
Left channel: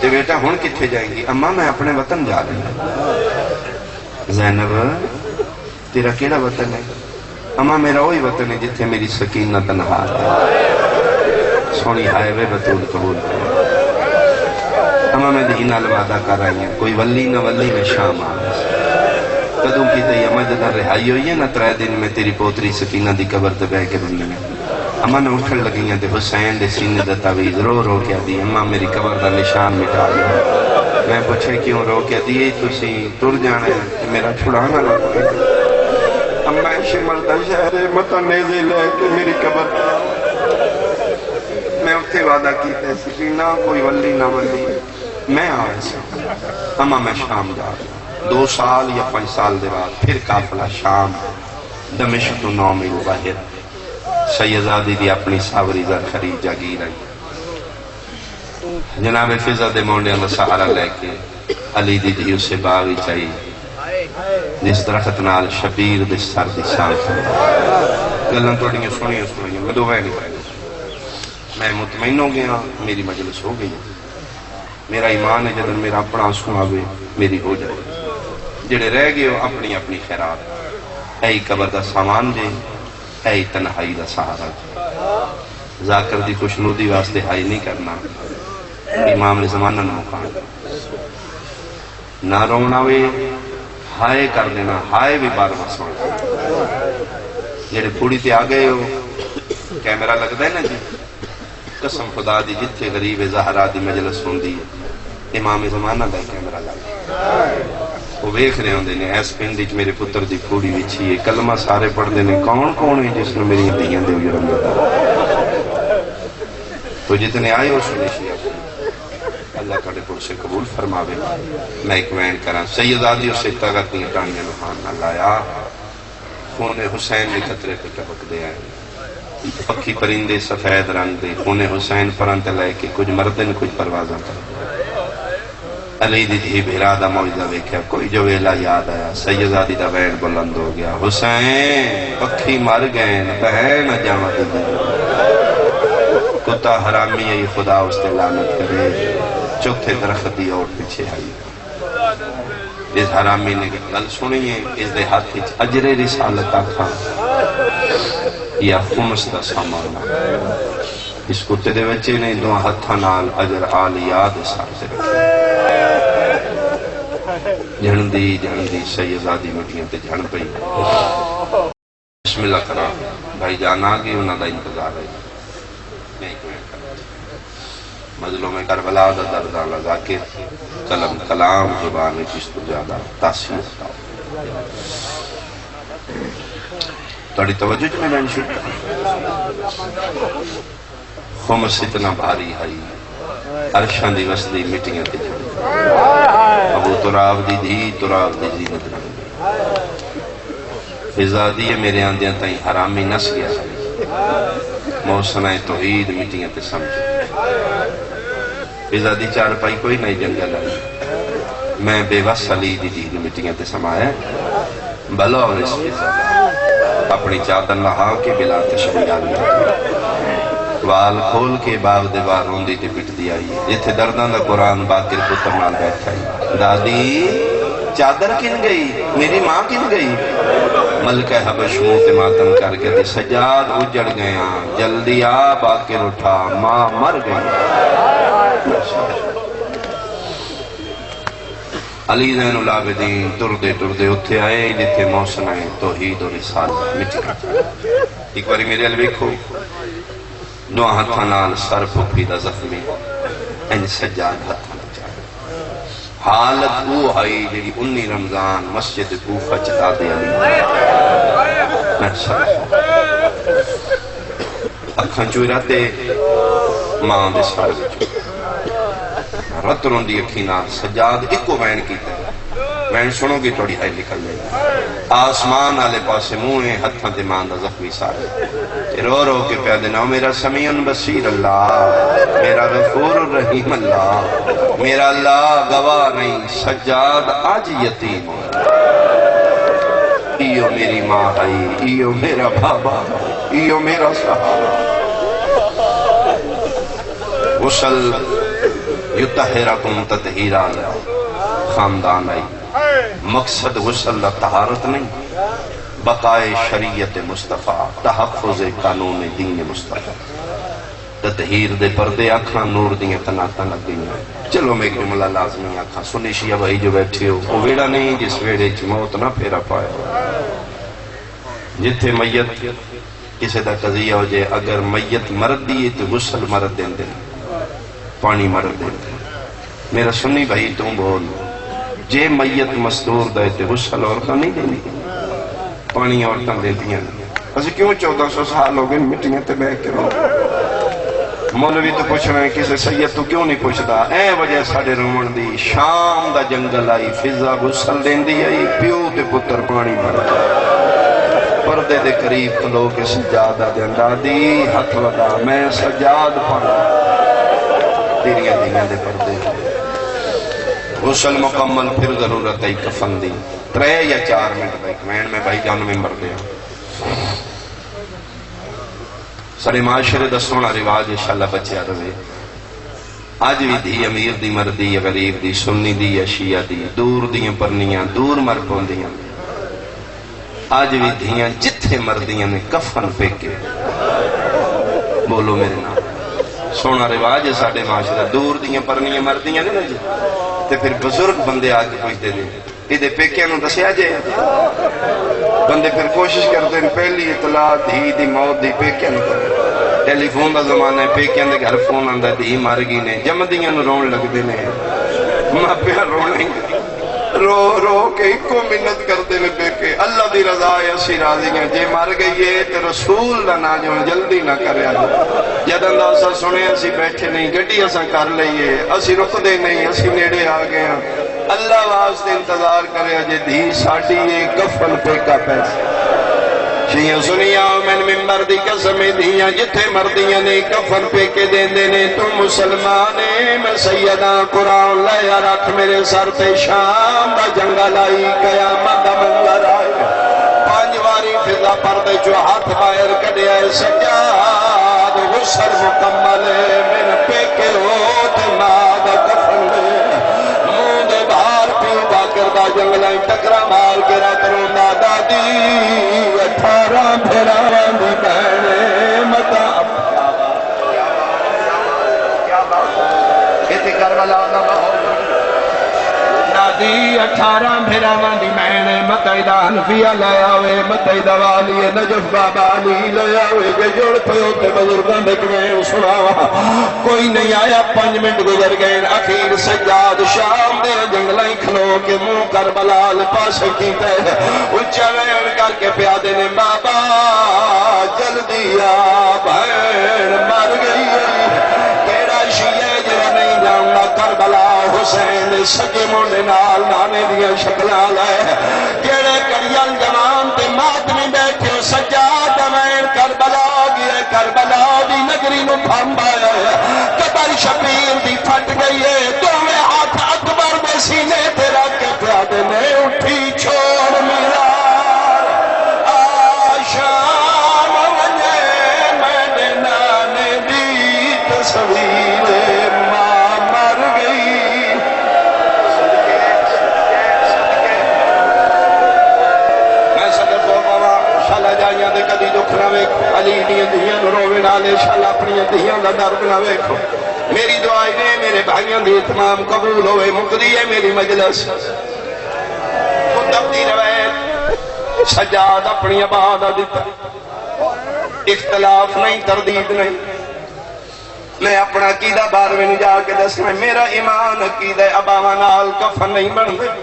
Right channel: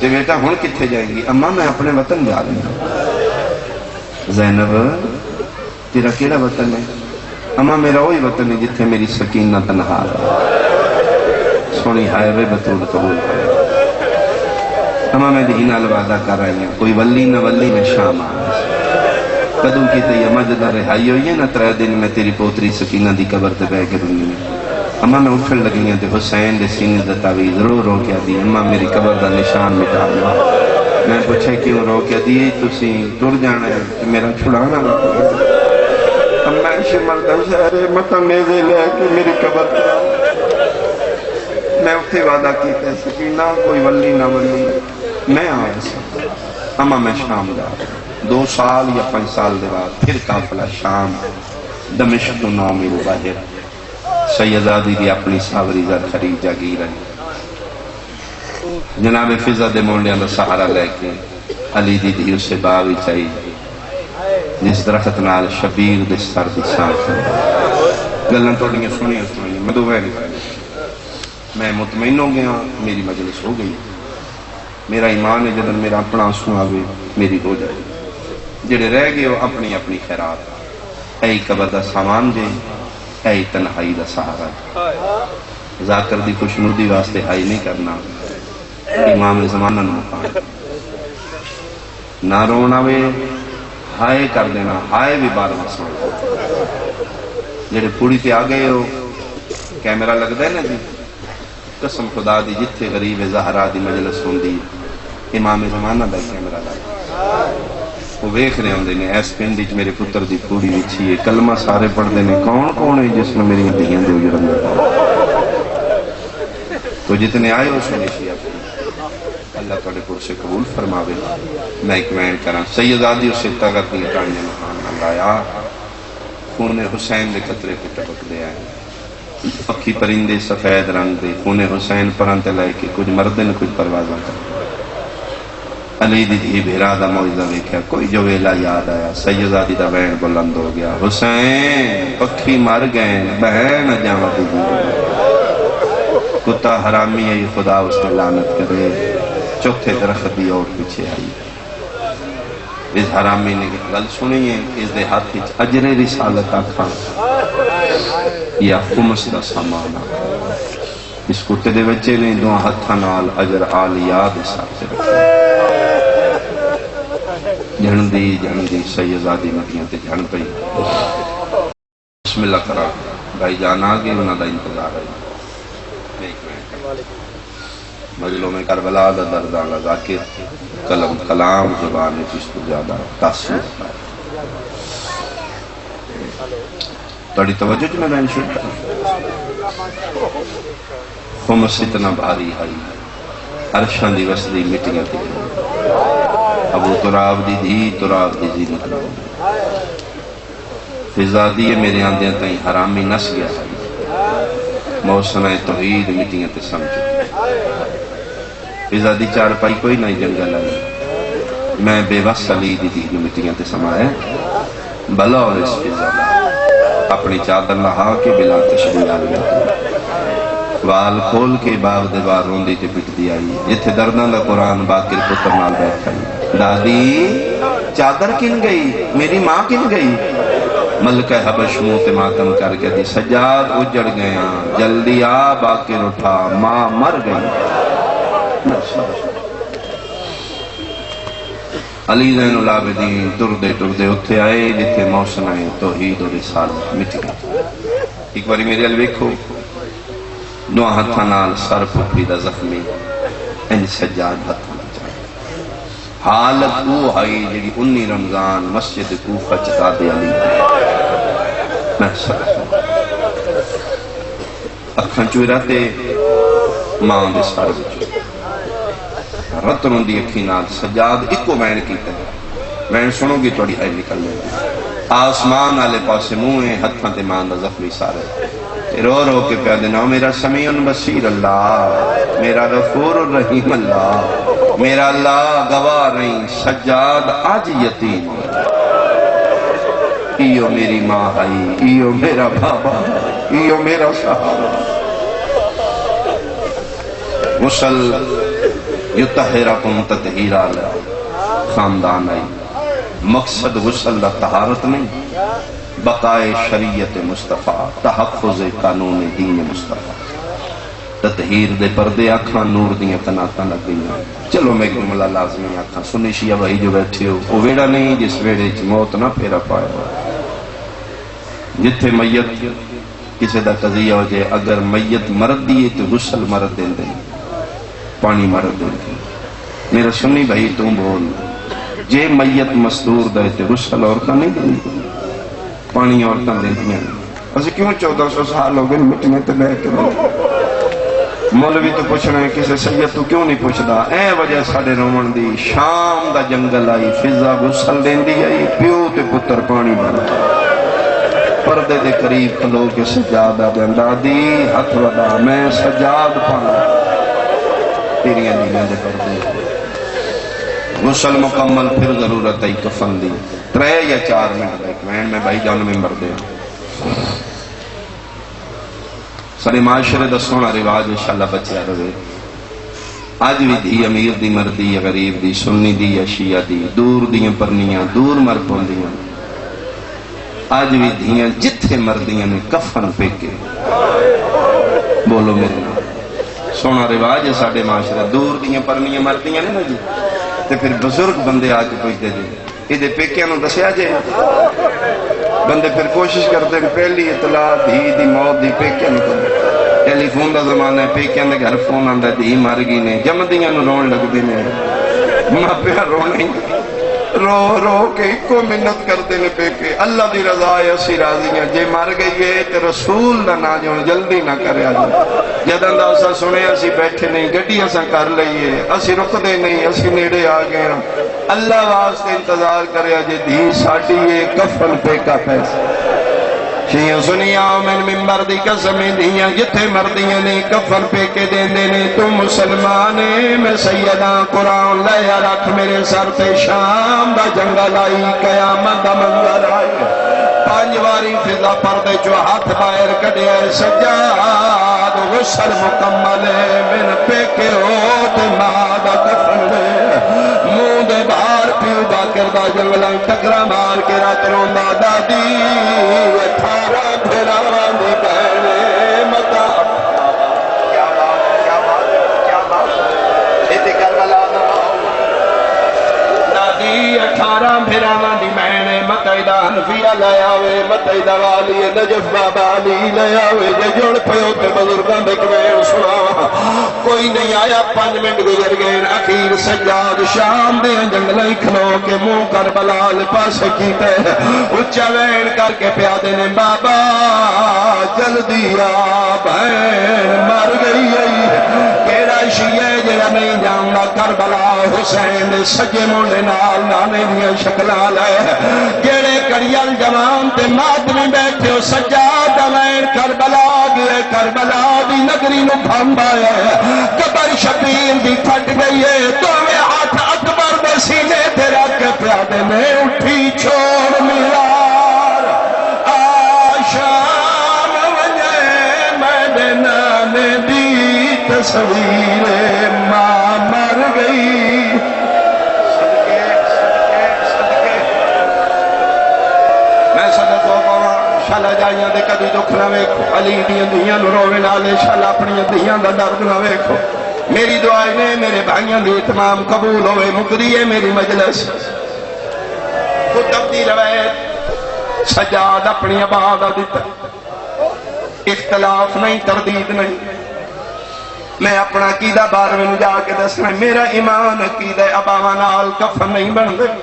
تو بیٹا ہون کتھے جائیں گی اما میں اپنے وطن جا رہی ہوں زینب تیرا کیڑا وطن ہے اما میرا وہی وطن ہے جتھے میری سکینہ تنہا ہے سونی ہائے وے بطول قبول اما میں دینہ الوعدہ کر رہی ہیں کوئی ولی نہ ولی میں شام آنے کدوں کی تے اما جدہ رہائی ہوئی ہے نا 3 دن میں تیری پوتری سکینہ دی قبر تے بہ کے بنی نے اما نے اٹھن لگی ہیں تے حسین دے سینے دا تعویذ رو رو کے دی اما میری قبر دا نشان مٹا دو میں پوچھے کیوں رو کے دی تسی ٹر جانا ہے کہ میرا چھڑانا لگا اما شمل دا شہر متنے دے لے کے میری قبر میں اتھے وعدہ کیتے سکینہ کوئی ولی نہ ولی میں آئے سے اما میں شام جا 2 سال یا 5 سال دے بعد پھر قافلہ شام دمشق تو 9 میل باہر سیدادی دی اپنی ساوری زر خرید جاگی رہی جناب فضا دے مونڈے میں سہارا لے کے علی دی دیو سے باوی چاہی جس درخت نال شبیر دے سر دی ساتھ گلن توڑیاں سنیاں میں دو ویلی میں مطمئن ہو گیا میری مجلس ہو گئی میرا ایمان ہے جدن میرا اپنا آنسو آوے میری ہو جائے جڑے رہ گئے ہو اپنی اپنی خیرات اے قبر دا سامان جے اے تنہائی دا سہارا ذاکر دی خوشنودی واسطے ہائی نہیں کرنا امام زمانہ نہ مقام نہ رونا وے ہائے کر دینا ہائے بھی بار مسئلہ جڑے پوڑی تے آگئے ہو کیمرہ لگ دا ہے نا جی قسم خدا دی جتھے غریب زہرا دی مجلس ہوندی امام زمانہ دا کیمرہ لگ وہ ویکھ رہے ہوندے نے ایس پنڈی چ میرے پتر دی پوڑی وچھی ہے کلمہ سارے پڑھ دے نے کون ہے جس نے میری دیاں دے اجڑ تو جتنے آئے ہو سنے شیعہ اللہ کڑے کو سے قبول فرماوے میں ایک وین کراں سیدادی اسے طاقت دی کہانیاں نحان نہ لایا خون حسین نے خطرے پہ ٹپک دے آئے پکی پرندے سفید رنگ دے خون حسین پرنت لائے کہ کچھ مردن کچھ پروازہ کر علی دی تھی بھیرا دا موجزہ ویکھا کوئی جو ویلا یاد آیا سیدادی دا وین بلند ہو گیا حسین پکھی مر گئے بہن جامع دی کتا حرامی ہے خدا اس نے لعنت کرے چوتھے درخت دی اور پیچھے آئی اس حرامی نے گل سنی ہے اس دے ہاتھ اجر رسالت آخا یا خمس دا سامانا اس کتے دے بچے نے 2 ہتھاں نال اجر آلیا دے ساتھ جھندی سیدادی مٹیاں تے جھن پئی بسم اللہ کرا بھائی جان آگے انہاں دا انتظار ہے مجلوں میں کربلا دا دردہ لگا کے قلم کلام زبان میں کس تو زیادہ تاثیر توڑی توجہ جو میں نے انشور کرا خمس اتنا بھاری آئی عرشان دی وسدی مٹیاں دی ابو تراب دی دھی تراب دی زینت رہی فضا دیئے میرے آندیاں تائیں حرامی نس گیا سائی موسنہ توحید مٹیاں تے سمجھو فضا دی 4 پائی کوئی نہیں جنگل آئی میں بے وس علی دی دین مٹیاں تے سمائے بلا اور اس فضا اپنی چادر لہا کے بلا تشبیہ آئی وال کھول کے باغ دیوار روندی تے پٹ دی آئی جتھے دردان دا قرآن باقر پتر نال بیٹھا دادی چادر کن گئی میری ماں کن گئی ملکہ حبش منہ تے ماتم کر کے دی سجاد اجڑ گیا جلدی آ باقر اٹھا ماں مر گئی علی زین العابدین ٹردے اتھے آئے جتھے موسم آئے توحید و رسالت مٹ گیا ایک باری میرے ال ویکھو 2 ہتھاں نال سر پھپھی دا زخمی انج سجاد ہتھاں نال چاہے حالت وہ آئی جی 19 رمضان مسجد کوفہ چتا دے علی میں سر اکھاں چوئی رہتے ماں دے سار بچو رتروں دی اکھی نال سجاد ایکو بین کیتے بین سنو گی توڑی آئی نکلنے آسمان آلے پاسے موئے ہتھاں تے ماں دا زخمی سارے رو رو کے پیادے ناؤ میرا سمیع بصیر اللہ میرا غفور الرحیم اللہ میرا اللہ گواہ نہیں سجاد آج یتیم ایو میری ماں آئی ایو میرا بابا ایو میرا صحابہ غسل یطہرکم تطہیرا خاندان آئی مقصد غسل دا طہارت نہیں بقائے شریعت مصطفیٰ تحفظ قانون دین مصطفیٰ تطہیر دے پردے آکھاں نور دیاں تناتاں لگ گئیاں چلو میں ایک جملہ لازمی آکھاں سنی شیعہ بھائی جو بیٹھے ہو وہ ویڑا نہیں جس ویڑے چ موت نہ پھیرا پائے جتھے میت کسی دا قضیہ ہو جائے اگر میت مرد دیئے تو غسل مرد دیں دیں پانی مرد دیں دیں میرا سنی بھائی تم بول جے میت مستور دے تو غسل عورتاں نہیں دیں پانی عورتاں دیں دیں اسے کیوں 1400 سال ہو گئے مٹیاں تے بہ کے مولوی تو پوچھنا ہے کسی سید تو کیوں نہیں پوچھدا اے وجہ ساڈے رومن دی شام دا جنگل آئی فضا غسل دیندی آئی پیو تے پتر پانی بھردا پردے دے قریب کھلو کے سجادہ دے اندادی ہاتھ لگا میں سجاد پڑھا تیریاں دیاں دے پردے غسل مکمل پھر ضرورت ہے کفن دی 3 یا 4 منٹ بیک میں بھائی جان میں مر دیا سارے معاشرے دا سونا رواج انشاءاللہ بچیا رہے آج بھی دھی امیر دی مردی یا غریب دی سنی دی یا شیعہ دی دور دیاں پرنیاں دور مر پوندیاں آج بھی دھیاں جتھے مردیاں نے کفن پھینکے بولو میرے نام سونا رواج ہے ساڑھے معاشرہ دور دیاں پرنیاں مردیاں نہیں جی تے پھر بزرگ بندے آج پوچھتے دے یہ دے پیکیاں نو دسیا جائے بندے پھر کوشش کرتے ہیں پہلی اطلاع دھی دی موت دی پیکیاں نو کرتے ٹیلی فون دا زمانہ ہے پیکیاں دے گھر فون آندہ دھی مر گئی نے جمدیاں نو رون لگ دی نے ماں پہ رون نہیں رو رو کے ایک منت کرتے لے پیکے اللہ دی رضا ہے اسی راضی ہیں جے مار گئی ہے تو رسول دا نا جو جلدی نہ کرے جد اندازہ سنے اسی بیٹھے نہیں گھٹی اسا کر لئیے اسی رخ دے نہیں اسی نیڑے آگئے اللہ واسطے انتظار کرے جے دھی ساٹھی یہ کفن پیکا پیسے شیعہ سنیا من ممبر دی قسمیں دیاں جتھے مردیاں نے کفن پہ کے دیندے نے تم مسلمانے میں سیدہ قرآن لیا رکھ میرے سر پہ شام دا جنگل آئی قیامت دا منظر آئی 5 واری فضا پردے جو ہاتھ باہر کڑے آئے سجاد غسل مکمل ہے من پہ کے ہوت ماد کفن منہ دے باہر پیو باکر دا جنگل آئی ٹکرا مار کے رات روندہ دادی 18 پھراوان دی بہنے متا کیا بات ایتے کربلا دادی 18 پھراوان دی بہنے متعیدہ حنفیہ لے آوے متعیدہ والی نجف بابا علی لے آوے جے جوڑ پیو تے بزرگاں دے کمیں سناوا کوئی نہیں آیا 5 منٹ گزر گئے اخیر سجاد شام دے جنگلیں کھلو کے منہ کربلا لپاس کیتے اچھا وین کر کے پیادے نے بابا جلدی آ بہن مر گئی تیرا شیعہ جہاں نہیں جاؤں کربلا حسین سجے مونے نال نانے دیا شکلہ لے جیڑے کڑیان جوان تے مات میں بیٹھے ہو سجاد وین کربلا گئے کربلا دی نگری نو پھامبایا قبر شبیر دی پھٹ گئی ہے تو میں ہاتھ اکبر بسینے تیرا کے پیادے میں اٹھی چھوڑ ملا آشام ونجے میں نانے دی تصویر ماں مر گئی میں صدر کو پاوا شالا جائیاں دے کدی دکھ نہ ویکھو علی دیاں دیاں نو روے نالے شالا اپنی دیاں دا درد نہ ویکھو میری دعائیں نے میرے بھائیاں دی اتمام قبول ہوئے مقدی ہے میری مجلس خود دی روایت سجاد اپنی آباد دیتا اختلاف نہیں تردید نہیں میں اپنا عقیدہ بارویں نو جا کے دسنا میرا ایمان عقیدہ اباواں نال کفن نہیں بندا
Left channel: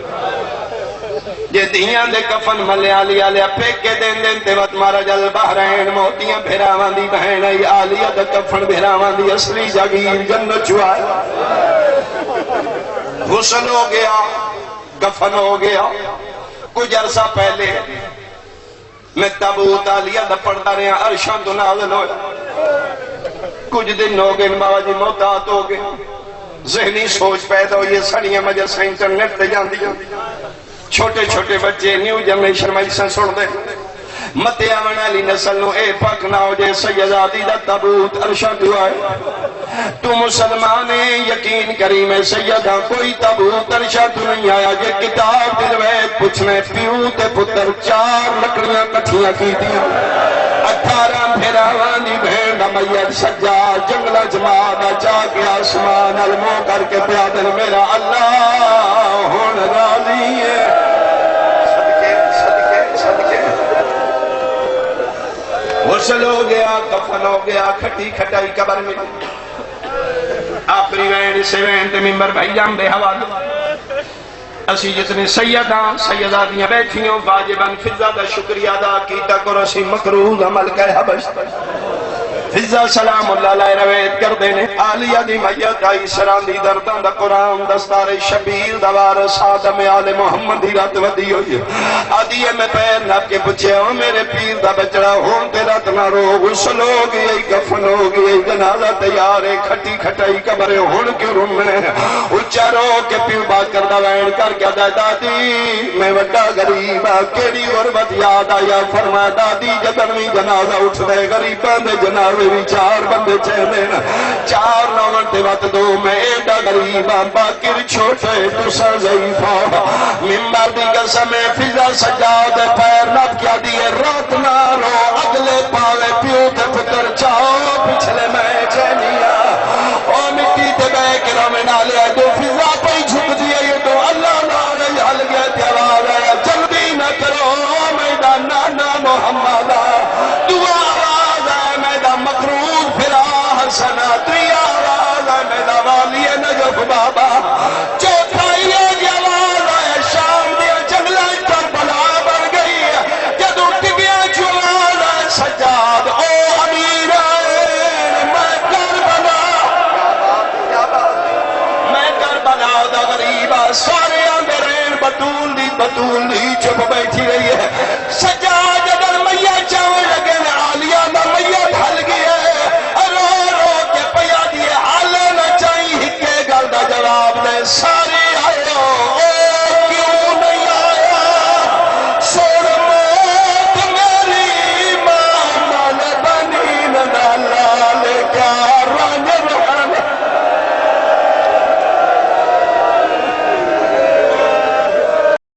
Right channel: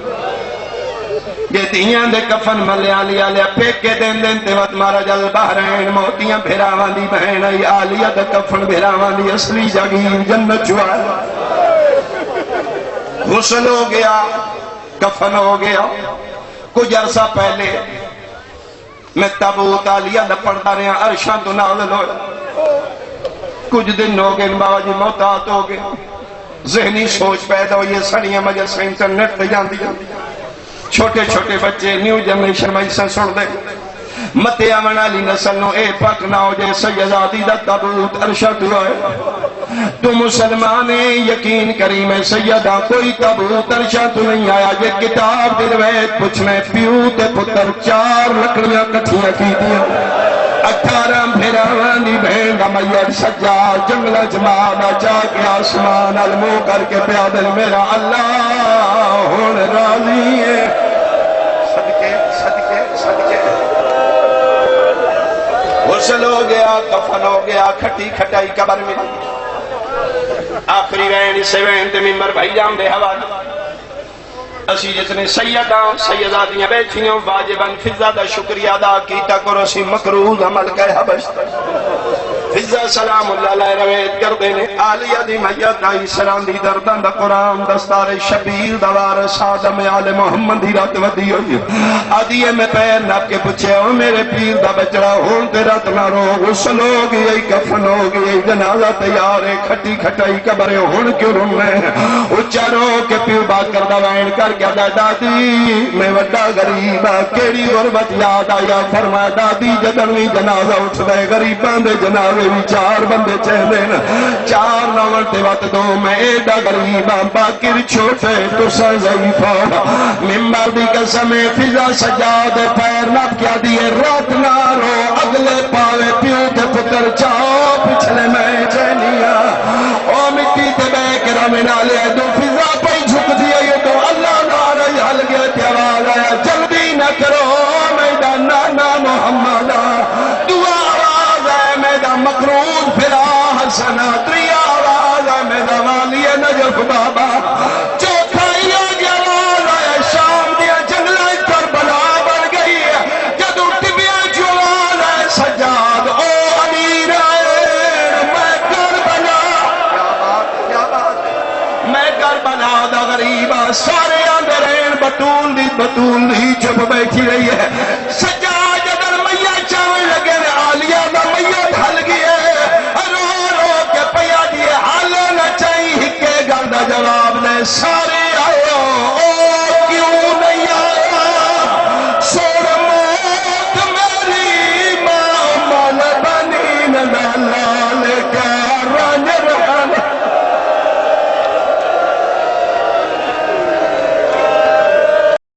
جے دیاں دے کفن ملے آلیا پیکے دین دین تے وقت مارا جل بحرین موتیاں بھیراواں دی بہن ای آلیا دے کفن بھیراواں دی اصلی جاگیر جنت چوائے غسل ہو گیا کفن ہو گیا کچھ عرصہ پہلے میں تابوت آلیا دا پڑھتا رہا عرشاں تو نازل ہویا کچھ دن ہو گئے بابا جی موتات ہو گئے ذہنی سوچ پیدا ہوئی سڑیاں مجلس انٹرنیٹ تے جاندی چھوٹے چھوٹے بچے نیو جنریشن میں سے سن دے متے آمن علی نسل نو اے پاک نہ ہو جے سیدادی دا تابوت ارشد ہوئے تو مسلمان یقین کریم سیدہ کوئی تابوت ارشد نہیں آیا یہ کتاب درویت پچھنے پیو تے پتر 4 لکڑیاں کٹھیاں کی دیا 18 پھراوان دی بہن میت سجاد جنگل جماعت جا کے آسمان المو کر کے پیادل میرا اللہ ہون راضی ہے صدقے صدقے صدقے غسل ہو گیا کفن ہو گیا کھٹی کھٹائی قبر میں آخری وین سے وین تے ممبر بھائی جام دے حوالے اسی جتنے سیداتیاں بیٹھیوں واجباً فضا دا شکریہ ادا کیتا کرو سی مکروہ عمل کہے حبش فضا سلام اللہ علیہ رویت کر دینے آلیہ دی میت آئی سران دی دردن دا قرآن دستار شبیر دوار سادم آل محمد دی رات ودی ہوئی آدیے میں پیر نہ کے پچھے ہو میرے پیر دا بچڑا ہون تے رات نہ رو غسل ہو گئی کفن ہو گئی جنازہ تیار ہے کھٹی کھٹائی قبریں ہون کیوں رون میں اچھا رو کے پیو بات کر دا وین کر کے دا دادی میں وڈا غریب کیڑی غربت یاد آیا فرمایا دادی جدنوی جنازہ اٹھ دے غریبان دے جنازہ بھی چار بندے چہنے چار نوان تے وقت دو میں ایڈا غریباں باقی چھوٹے تو سا ضعیفہ ممبر دی قسم فضا سجاد پیر نب کیا دیئے رات نہ رو اگلے پالے پیو تے پتر چاہو پچھلے میں چینیا او مٹی تے بے کرم نالے دو فضا پہ جھک دیئے یہ تو اللہ نارے حل گیا تیوال آیا جلدی نہ کرو میدان نانا محمد دعا مقرون پھرا حسنا تری آواز میں دوالی نجف بابا